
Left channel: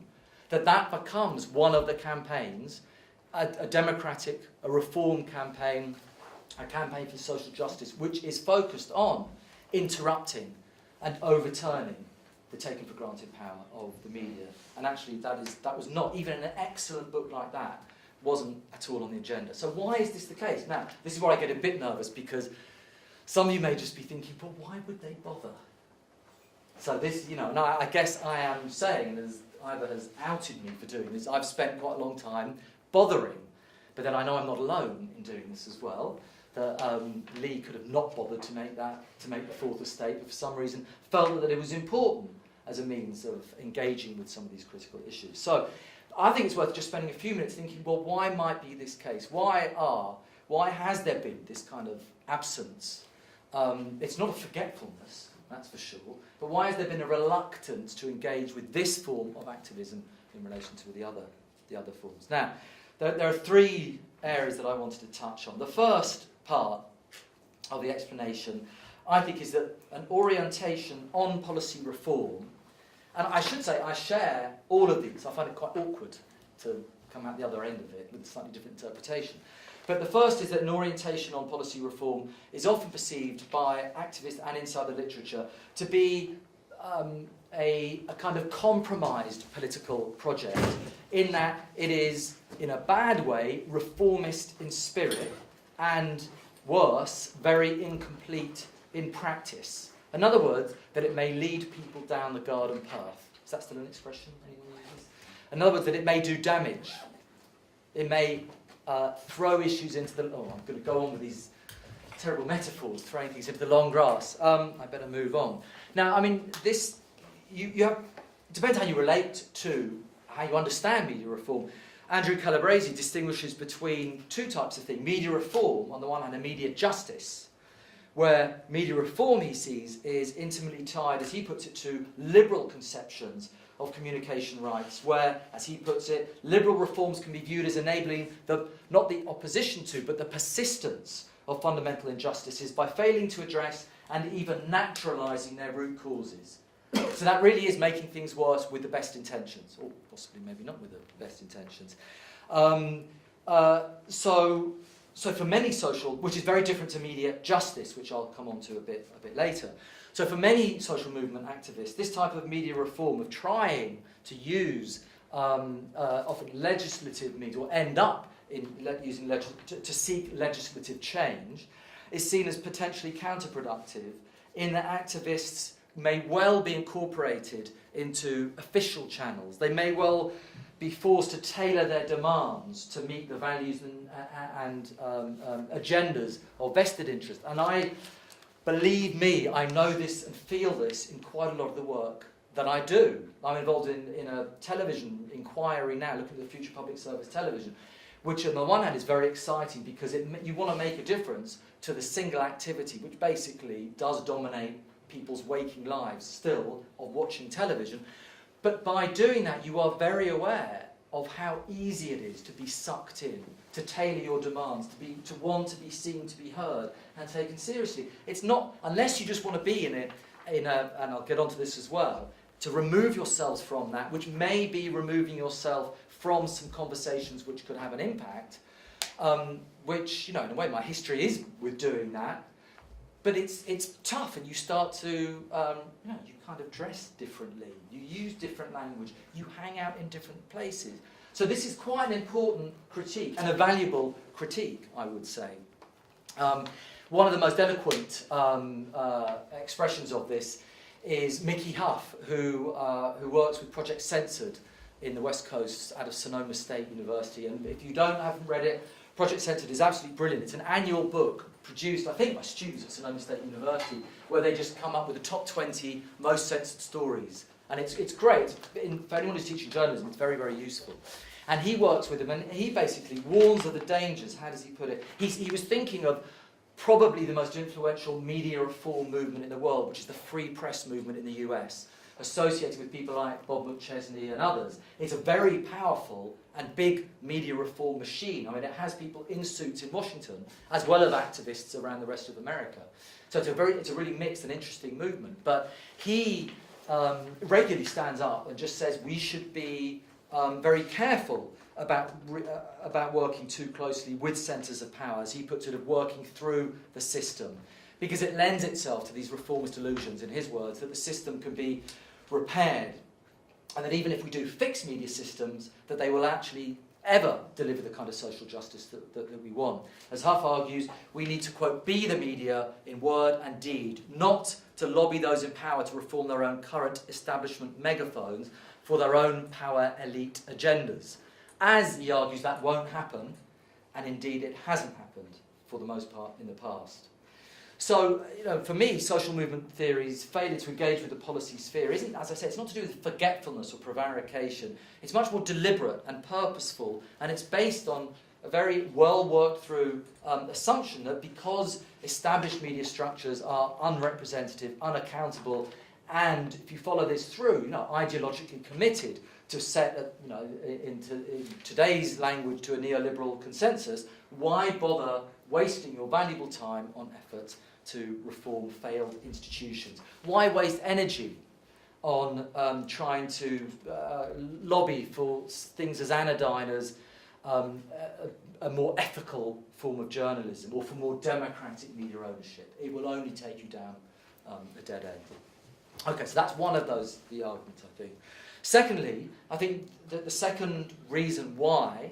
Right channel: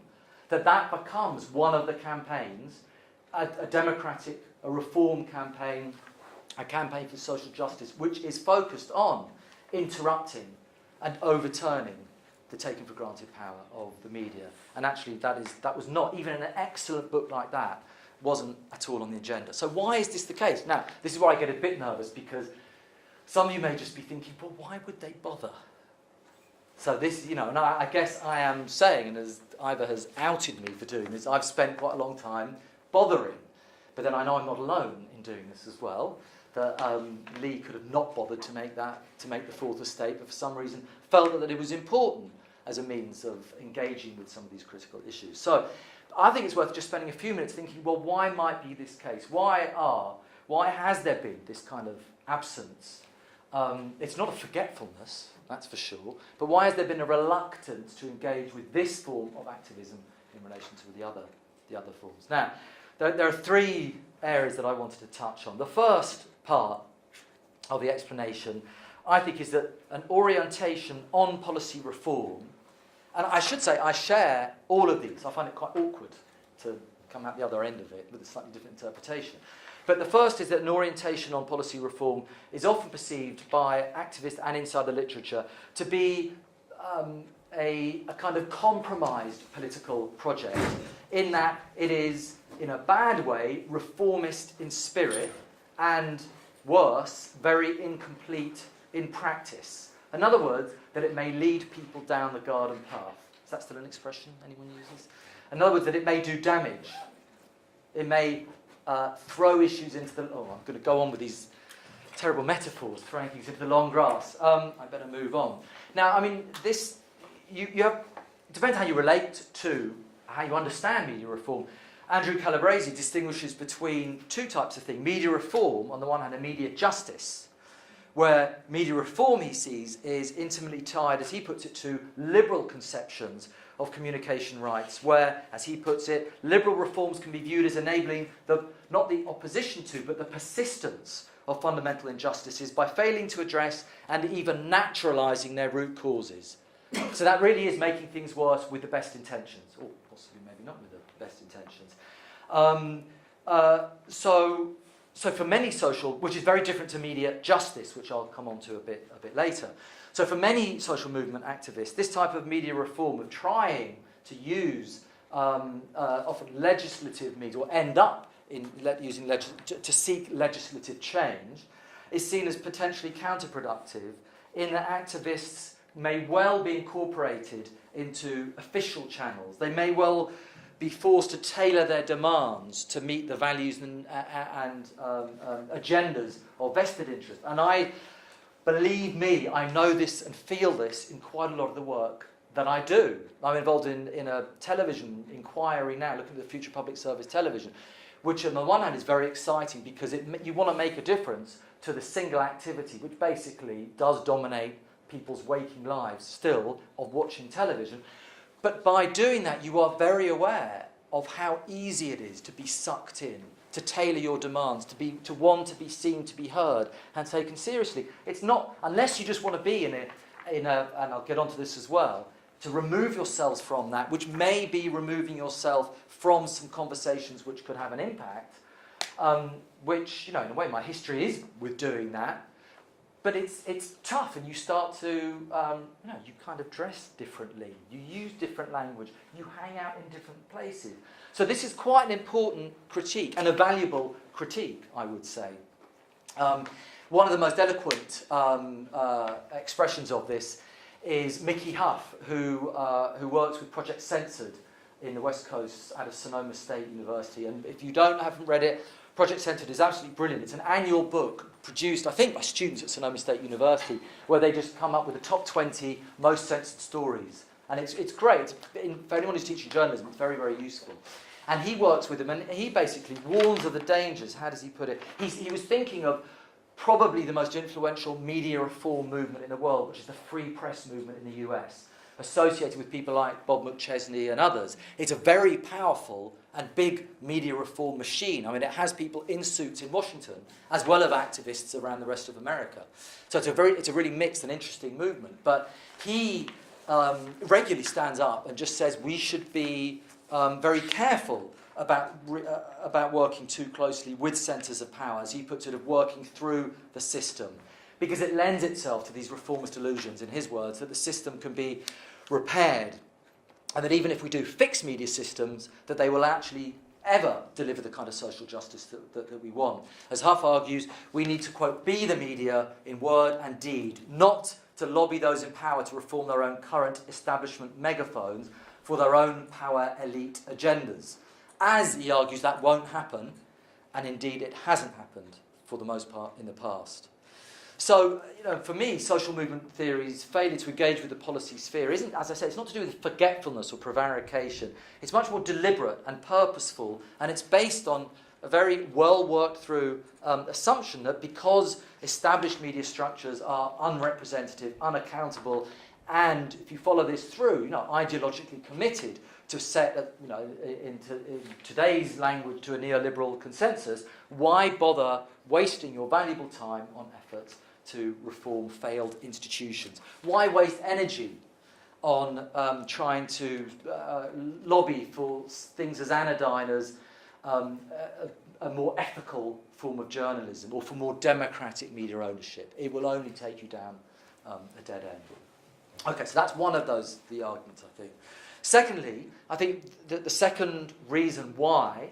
that becomes one of the campaigns, a democratic, a reform campaign, a campaign for social justice, which is focused on interrupting and overturning the taken for granted power of the media. And actually that was not, even an excellent book like that, wasn't at all on the agenda. So why is this the case? Now, this is where I get a bit nervous, because some of you may just be thinking, but why would they bother? So this, and I guess I am saying, and as Ivor has outed me for doing this, I've spent quite a long time bothering. But then I know I'm not alone in doing this as well. That Lee could have not bothered to make the fourth estate, but for some reason felt that it was important as a means of engaging with some of these critical issues. So I think it's worth just spending a few minutes thinking, well, why might be this case? Why has there been this kind of absence? It's not a forgetfulness, that's for sure, but why has there been a reluctance to engage with this form of activism in relation to the other forms? Now, there are 3 areas that I wanted to touch on. The first part of the explanation, I think, is that an orientation on policy reform, and I should say I share all of these. I find it quite awkward to come out the other end of it with a slightly different interpretation. But the first is that an orientation on policy reform is often perceived by activists and inside the literature to be a kind of compromised political project, in that it is, in a bad way, reformist in spirit, and worse, very incomplete in practice. In other words, that it may lead people down the garden path. Is that still an expression anyone uses? In other words, that it may do damage. It may throw issues into the... Oh, I'm going to go on with these terrible metaphors, throwing things into the long grass. I better move on. Now, I mean, this... You have... It depends how you relate to, how you understand media reform. Andrew Calabresi distinguishes between 2 types of thing. Media reform, on the one hand, and media justice, where media reform, he sees, is intimately tied, as he puts it, to liberal conceptions of communication rights, where, as he puts it, liberal reforms can be viewed as enabling not the opposition to, but the persistence of fundamental injustices by failing to address and even naturalising their root causes. So that really is making things worse with the best intentions, or possibly maybe not with the best intentions. So for many social, which is very different to media justice, which I'll come on to a bit later. So for many social movement activists, this type of media reform of trying to use often legislative means, or end up in using to seek legislative change, is seen as potentially counterproductive, in that activists may well be incorporated into official channels. They may well be forced to tailor their demands to meet the values and agendas of vested interest. And believe me, I know this and feel this in quite a lot of the work that I do. I'm involved in a television inquiry now, looking at the future public service television, which on the one hand is very exciting because you want to make a difference to the single activity, which basically does dominate people's waking lives still, of watching television. But by doing that, you are very aware of how easy it is to be sucked in, to tailor your demands, to want to be seen, to be heard, and taken seriously. It's not, unless you just want to be in a, and I'll get onto this as well, to remove yourselves from that, which may be removing yourself from some conversations which could have an impact, which, you know, in a way my history is with doing that, but it's tough, and you start to, you know, you kind of dress differently, you use different language, you hang out in different places. So this is quite an important critique, and a valuable critique, I would say. One of the most eloquent expressions of this is Mickey Hough, who works with Project Censored in the West Coast out of Sonoma State University. And if you haven't read it, Project Censored is absolutely brilliant. It's an annual book produced, I think, by students at Sonoma State University, where they just come up with the top 20 most censored stories. And it's great. For anyone who's teaching journalism, it's very, very useful. And he works with them, and he basically warns of the dangers. How does he put it? He was thinking of probably the most influential media reform movement in the world, which is the free press movement in the US, associated with people like Bob McChesney and others. It's a very powerful and big media reform machine. I mean, it has people in suits in Washington, as well as activists around the rest of America. So it's a really mixed and interesting movement. But he regularly stands up and just says we should be very careful about working too closely with centres of power, as he puts it, of working through the system, because it lends itself to these reformist illusions, in his words, that the system can be repaired, and that even if we do fix media systems, that they will actually ever deliver the kind of social justice that we want. As Hough argues, we need to, quote, be the media in word and deed, not to lobby those in power to reform their own current establishment megaphones for their own power elite agendas. As he argues, that won't happen, and indeed it hasn't happened for the most part in the past. So, you know, for me, social movement theory's failure to engage with the policy sphere isn't, as I say, it's not to do with forgetfulness or prevarication. It's much more deliberate and purposeful, and it's based on a very well worked through assumption that because established media structures are unrepresentative, unaccountable, and if you follow this through, you know, ideologically committed to set, you know, in today's language, to a neoliberal consensus, why bother wasting your valuable time on efforts to reform failed institutions? Why waste energy on trying to lobby for things as anodyne as a more ethical form of journalism, or for more democratic media ownership? It will only take you down a dead end. Okay, so that's one of the arguments, I think. Secondly, I think that the second reason why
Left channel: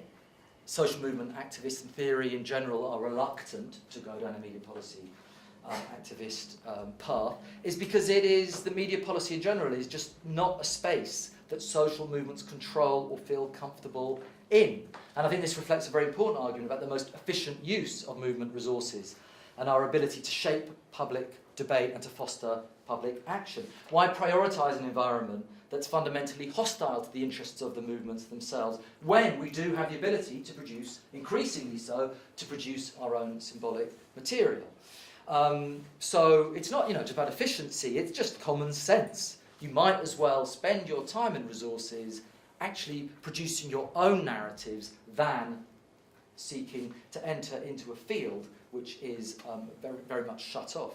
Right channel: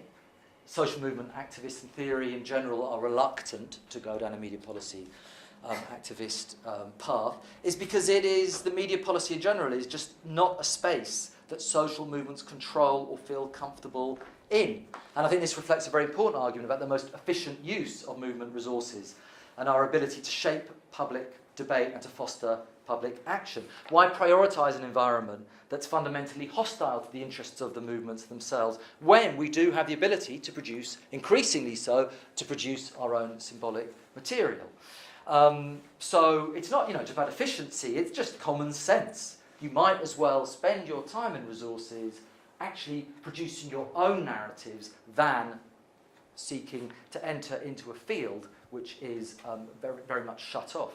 social movement activists in theory in general are reluctant to go down a media policy activist path is because the media policy in general is just not a space that social movements control or feel comfortable in. And I think this reflects a very important argument about the most efficient use of movement resources and our ability to shape public debate and to foster public action. Why prioritise an environment that's fundamentally hostile to the interests of the movements themselves, when we do have the ability to produce, increasingly so, to produce our own symbolic material? So it's not, just about efficiency, it's just common sense. You might as well spend your time and resources actually producing your own narratives than seeking to enter into a field which is very, very much shut off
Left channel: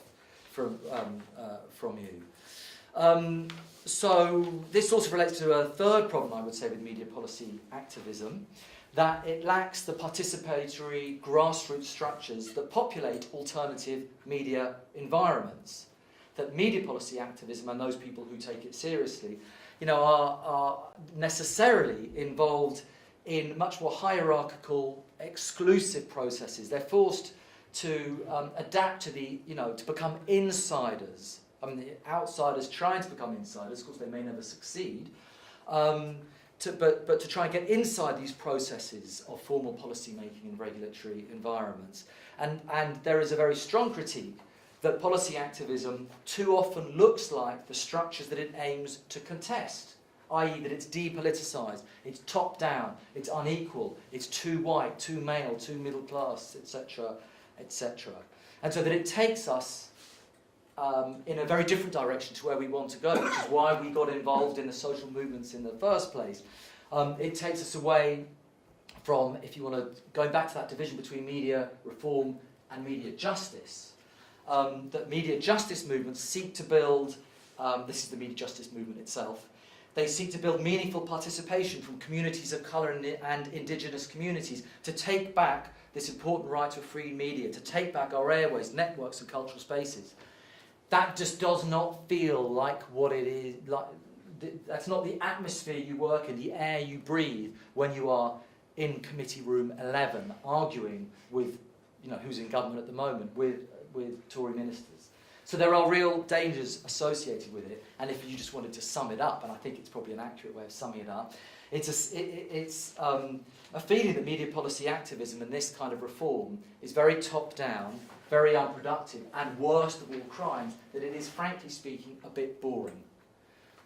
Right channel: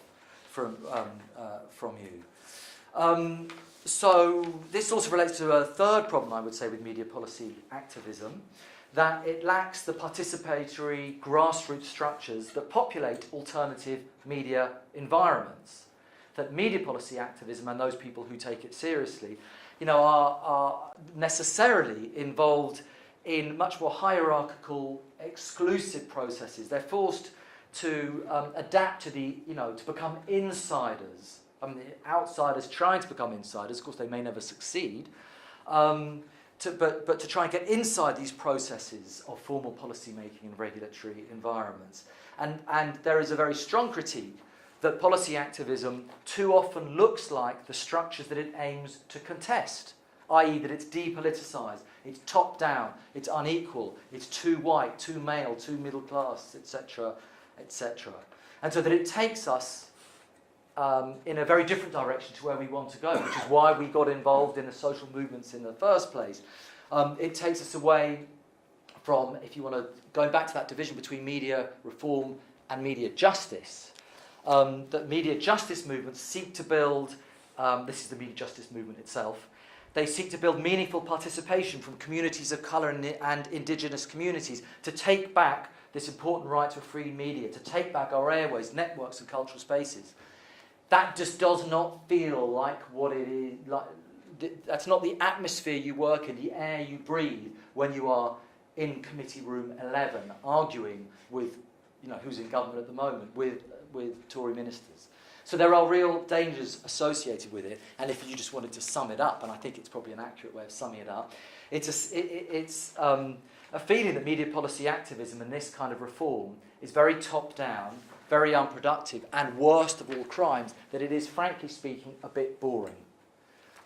from you. So this also relates to a third problem, I would say, with media policy activism, that it lacks the participatory grassroots structures that populate alternative media environments. That media policy activism and those people who take it seriously, are necessarily involved in much more hierarchical, exclusive processes. They're forced to adapt to to become insiders. I mean, the outsiders trying to become insiders, of course they may never succeed, but to try and get inside these processes of formal policy making and regulatory environments. And there is a very strong critique that policy activism too often looks like the structures that it aims to contest, i.e. that it's depoliticised, it's top-down, it's unequal, it's too white, too male, too middle class, etc., etc. And so that it takes us in a very different direction to where we want to go, which is why we got involved in the social movements in the first place. It takes us away from, if you want to, go back to that division between media reform and media justice. That media justice movements seek to build, this is the media justice movement itself, they seek to build meaningful participation from communities of colour and indigenous communities to take back this important right to a free media, to take back our airways, networks and cultural spaces. That just does not feel like what it is, like, that's not the atmosphere you work in, the air you breathe when you are in committee room 11 arguing with, you know, who's in government at the moment, with Tory ministers. So there are real dangers associated with it, and if you just wanted to sum it up, and I think it's probably an accurate way of summing it up, it's a feeling that media policy activism and this kind of reform is very top-down, very unproductive, and worst of all crimes, that it is, frankly speaking, a bit boring.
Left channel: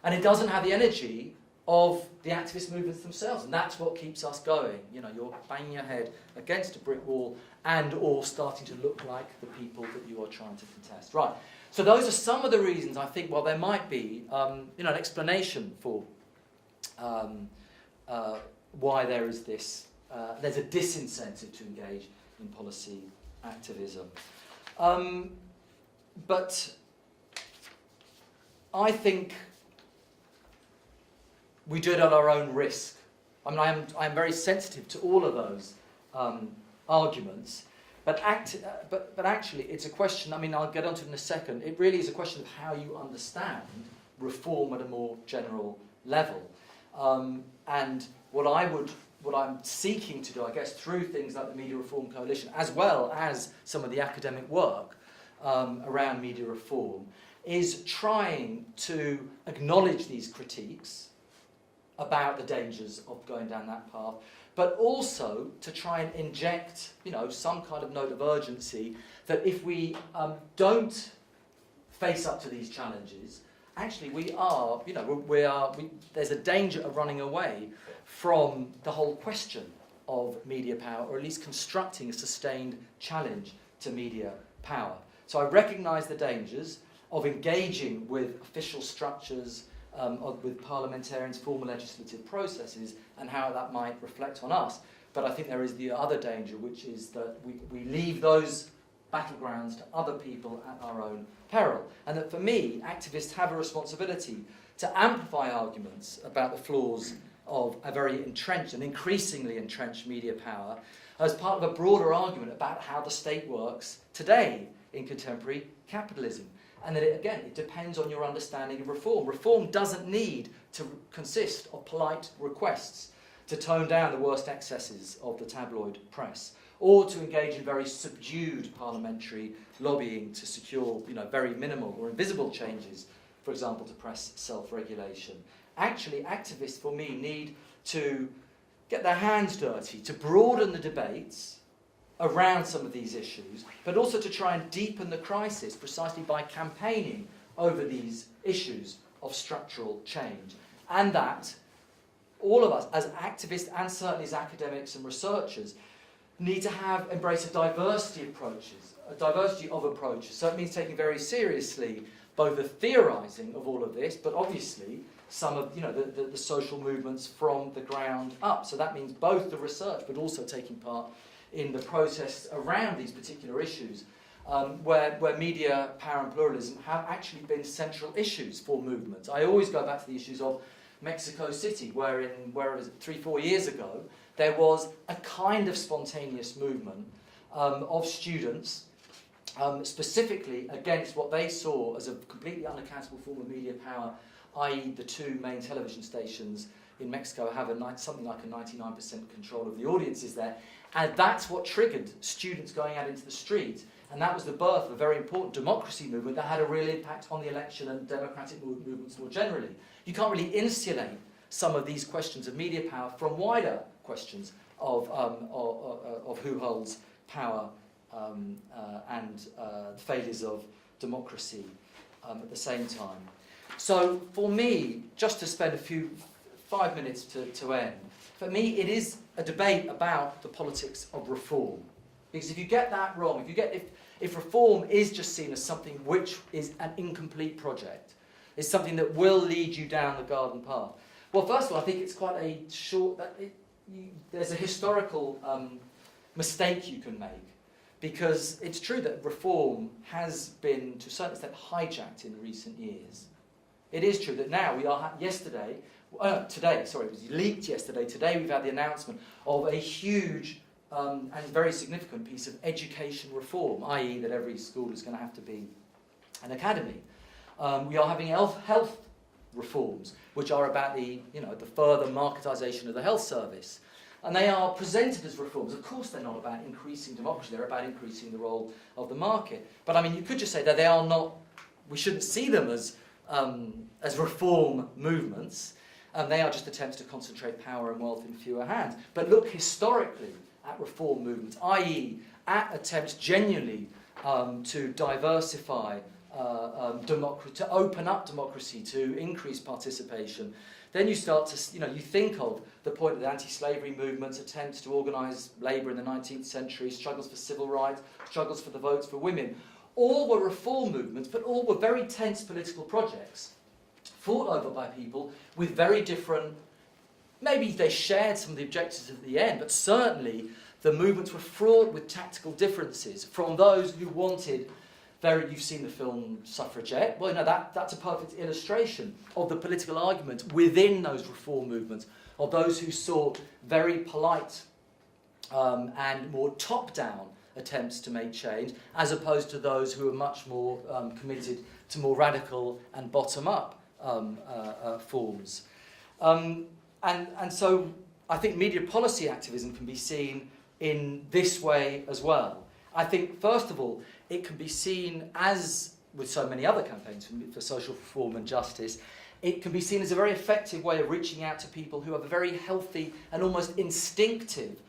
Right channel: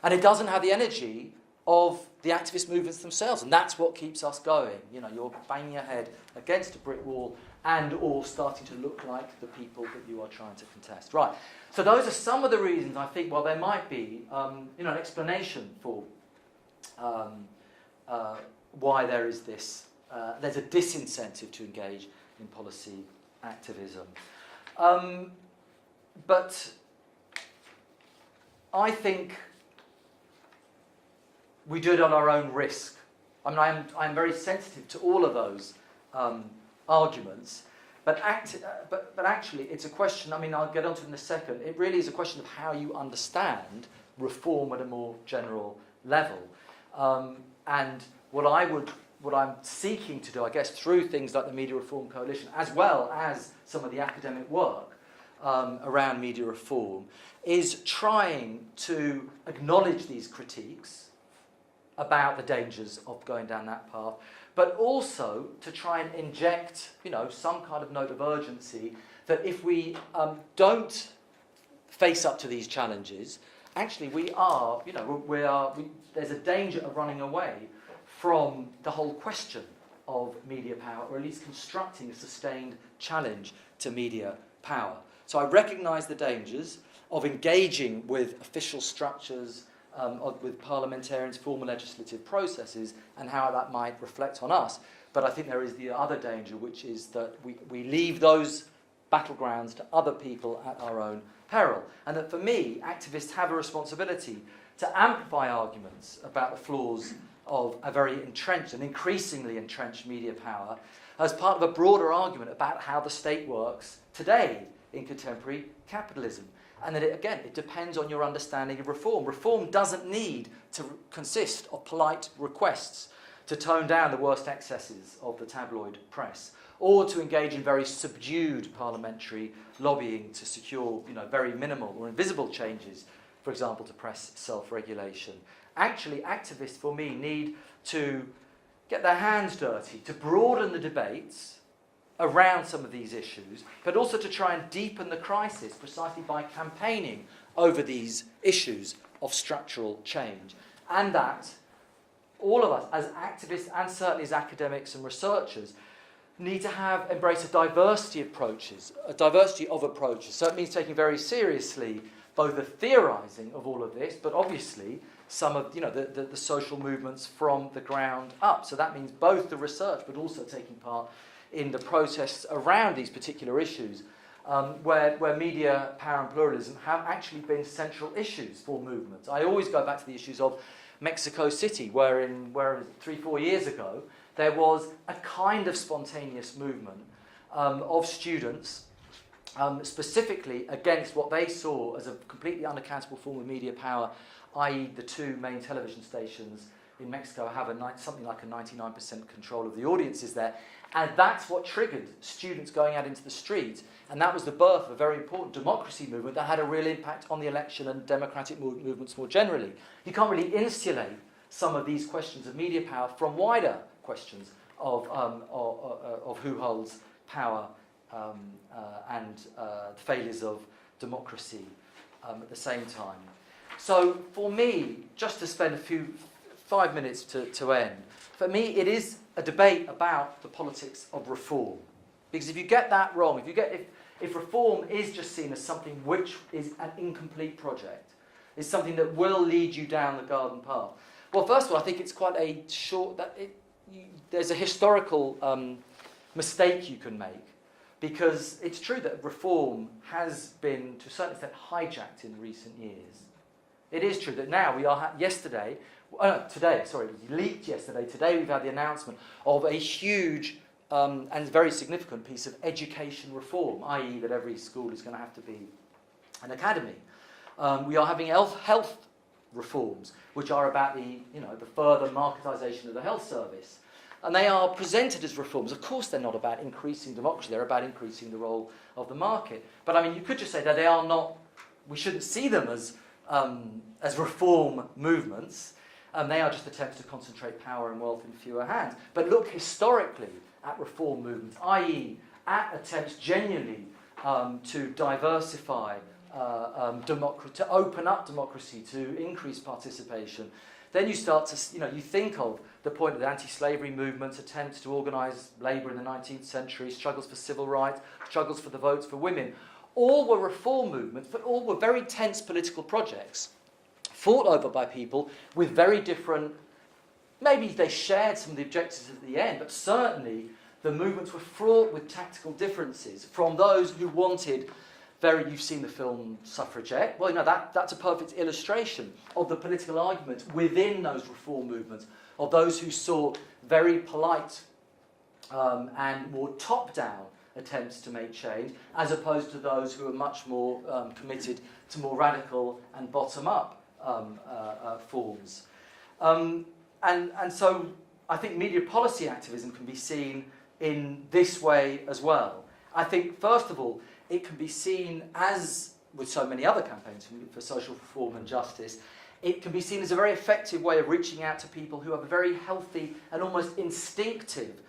And it doesn't have the energy of the activist movements themselves, and that's what keeps us going. You know, you're banging your head against a brick wall and all starting to look like the people that you are trying to contest. Right, so those are some of the reasons I think, well, there might be you know, an explanation for why there is this, there's a disincentive to engage in policy activism. But I think we do it on our own risk. I mean, I'm very sensitive to all of those arguments, but actually it's a question, I mean, I'll get onto it in a second, it really is a question of how you understand reform at a more general level. And what I'm seeking to do, I guess, through things like the Media Reform Coalition, as well as some of the academic work around media reform, is trying to acknowledge these critiques about the dangers of going down that path, but also to try and inject, you know, some kind of note of urgency that if we don't face up to these challenges, actually we are, you know, there's a danger of running away from the whole question of media power, or at least constructing a sustained challenge to media power. So I recognise the dangers of engaging with official structures, with parliamentarians, formal legislative processes, and how that might reflect on us. But I think there is the other danger, which is that we leave those battlegrounds to other people at our own peril. And that for me, activists have a responsibility to amplify arguments about the flaws of a very entrenched and increasingly entrenched media power as part of a broader argument about how the state works today in contemporary capitalism. And that, it depends on your understanding of reform. Reform doesn't need to consist of polite requests to tone down the worst excesses of the tabloid press, or to engage in very subdued parliamentary lobbying to secure, you know, very minimal or invisible changes, for example, to press self-regulation. Actually, activists, for me, need to get their hands dirty, to broaden the debates around some of these issues, but also to try and deepen the crisis precisely by campaigning over these issues of structural change. And that all of us, as activists and certainly as academics and researchers, need to embrace a diversity of approaches. So it means taking very seriously both the theorising of all of this, but obviously some of, you know, the social movements from the ground up. So that means both the research, but also taking part in the protests around these particular issues, where media power and pluralism have actually been central issues for movements. I always go back to the issues of Mexico City, where 3-4 years ago, there was a kind of spontaneous movement of students, specifically against what they saw as a completely unaccountable form of media power, i.e. the two main television stations in Mexico have something like a 99% control of the audiences there. And that's what triggered students going out into the street. And that was the birth of a very important democracy movement that had a real impact on the election and democratic movements more generally. You can't really insulate some of these questions of media power from wider questions of who holds power and the failures of democracy at the same time. So for me, just to spend 5 minutes to end, for me it is a debate about the politics of reform. Because if you get that wrong, if reform is just seen as something which is an incomplete project, is something that will lead you down the garden path, Well, first of all, I think it's quite a short... there's a historical mistake you can make, because it's true that reform has been, to a certain extent, hijacked in recent years. It is true that now we are... today, it was leaked yesterday. Today we've had the announcement of a huge and very significant piece of education reform, i.e. that every school is going to have to be an academy. We are having health reforms, which are about the further marketisation of the health service. And they are presented as reforms. Of course they're not about increasing democracy, they're about increasing the role of the market. But I mean, you could just say that they are not, we shouldn't see them as reform movements, and they are just attempts to concentrate power and wealth in fewer hands. But look historically at reform movements, i.e. at attempts genuinely to diversify democracy, to open up democracy, to increase participation. Then you start to, you think of the point of the anti-slavery movements, attempts to organise labour in the 19th century, struggles for civil rights, struggles for the votes for women. All were reform movements, but all were very tense political projects, fought over by people with very different, maybe they shared some of the objectives at the end, but certainly the movements were fraught with tactical differences from those who wanted you've seen the film Suffragette. Well, that's a perfect illustration of the political argument within those reform movements, of those who sought very polite and more top-down attempts to make change, as opposed to those who are much more committed to more radical and bottom-up forms. And so I think media policy activism can be seen in this way as well. I think, first of all, it can be seen as, with so many other campaigns for social reform and justice, it can be seen as a very effective way of reaching out to people who have a very healthy and almost instinctive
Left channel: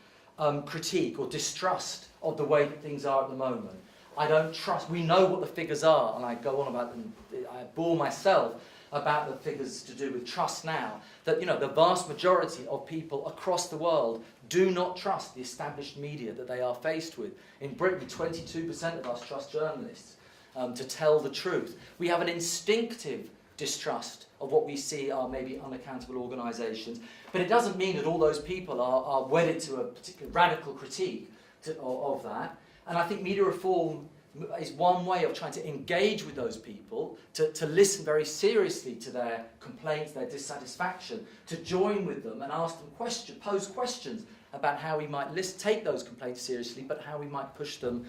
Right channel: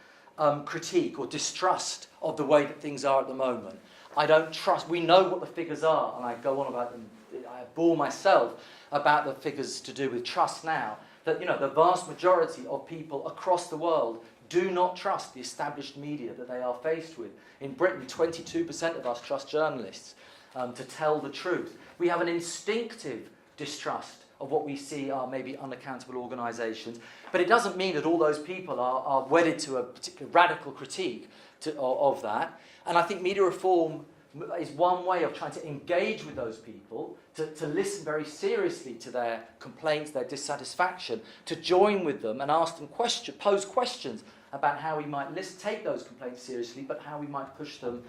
critique or distrust of the way that things are at the moment. I don't trust, we know what the figures are, and I go on about them, I bore myself about the figures to do with trust now, that the vast majority of people across the world do not trust the established media that they are faced with. In Britain, 22% of us trust journalists to tell the truth. We have an instinctive distrust of what we see are maybe unaccountable organisations, but it doesn't mean that all those people are wedded to a particular radical critique of that. And I think media reform is one way of trying to engage with those people, to listen very seriously to their complaints, their dissatisfaction, to join with them and ask them pose questions about how we might take those complaints seriously, but how we might push them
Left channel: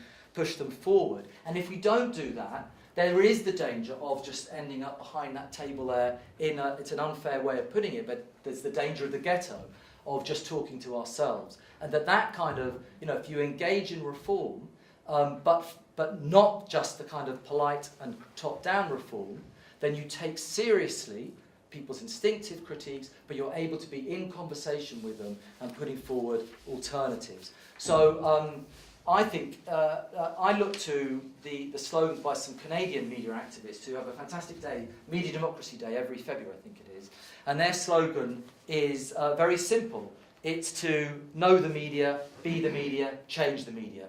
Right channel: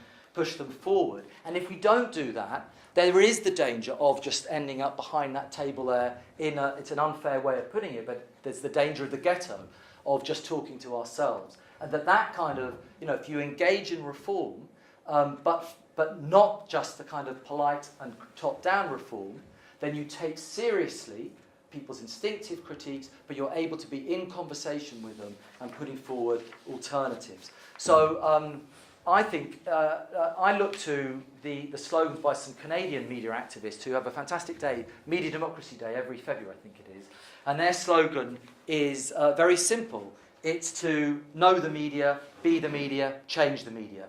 forward. And if we don't do that, there is the danger of just ending up behind that table there it's an unfair way of putting it, but there's the danger of the ghetto, of just talking to ourselves. And that kind of, if you engage in reform, but not just the kind of polite and top-down reform, then you take seriously people's instinctive critiques, but you're able to be in conversation with them and putting forward alternatives. So I think I look to the slogans by some Canadian media activists who have a fantastic day, Media Democracy Day, every February, I think it is. And their slogan is very simple. It's to know the media, be the media, change the media.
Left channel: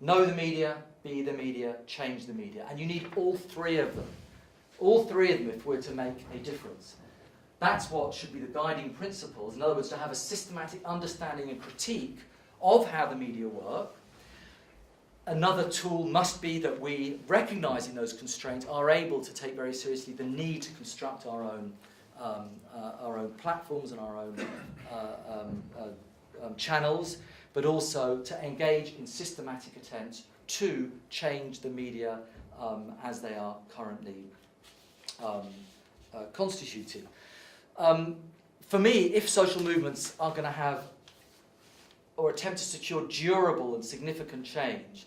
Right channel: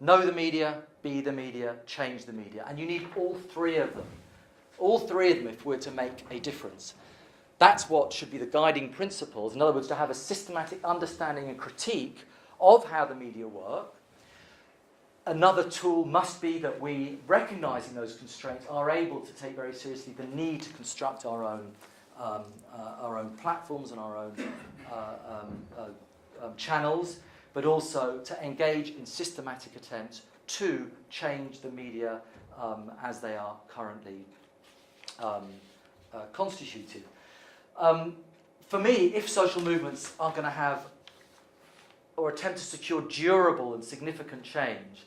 Know the media, be the media, change the media. And you need all three of them. All three of them if we're to make a difference. That's what should be the guiding principles. In other words, to have a systematic understanding and critique of how the media work. Another tool must be that we, recognising those constraints, are able to take very seriously the need to construct our own platforms and our own channels, but also to engage in systematic attempts to change the media as they are currently constituted. For me, if social movements are going to have or attempt to secure durable and significant change,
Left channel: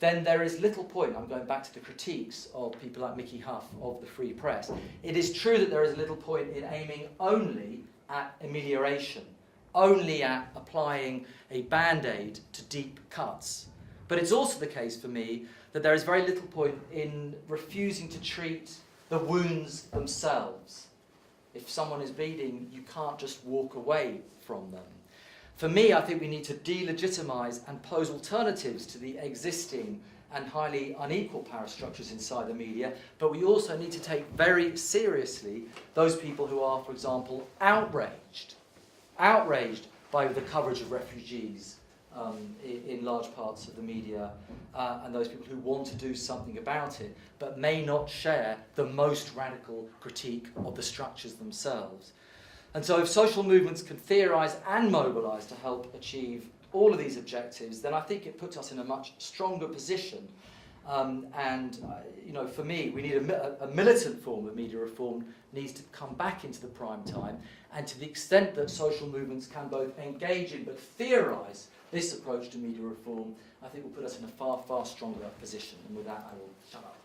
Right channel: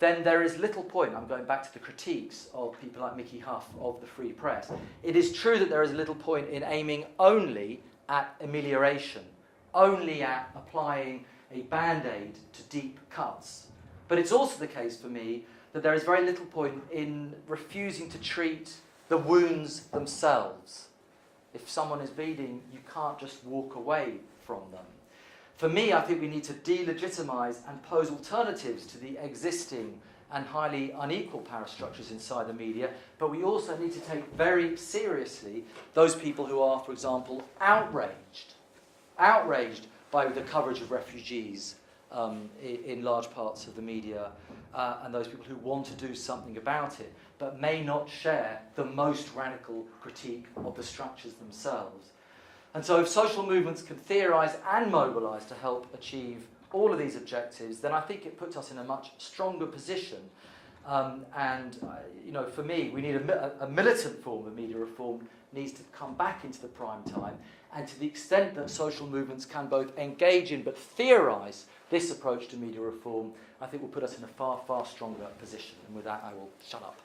then there is little point, I'm going back to the critiques of people like Mickey Hough of the Free Press, it is true that there is little point in aiming only at amelioration, only at applying a band-aid to deep cuts. But it's also the case for me that there is very little point in refusing to treat the wounds themselves. If someone is bleeding, you can't just walk away from them. For me, I think we need to delegitimise and pose alternatives to the existing and highly unequal power structures inside the media, but we also need to take very seriously those people who are, for example, outraged by the coverage of refugees in large parts of the media, and those people who want to do something about it, but may not share the most radical critique of the structures themselves. And so if social movements can theorise and mobilise to help achieve all of these objectives, then I think it puts us in a much stronger position. You know, for me, we need a militant form of media reform needs to come back into the prime time. And to the extent that social movements can both engage in but theorise this approach to media reform, I think will put us in a far, far stronger position. And with that, I will shut up.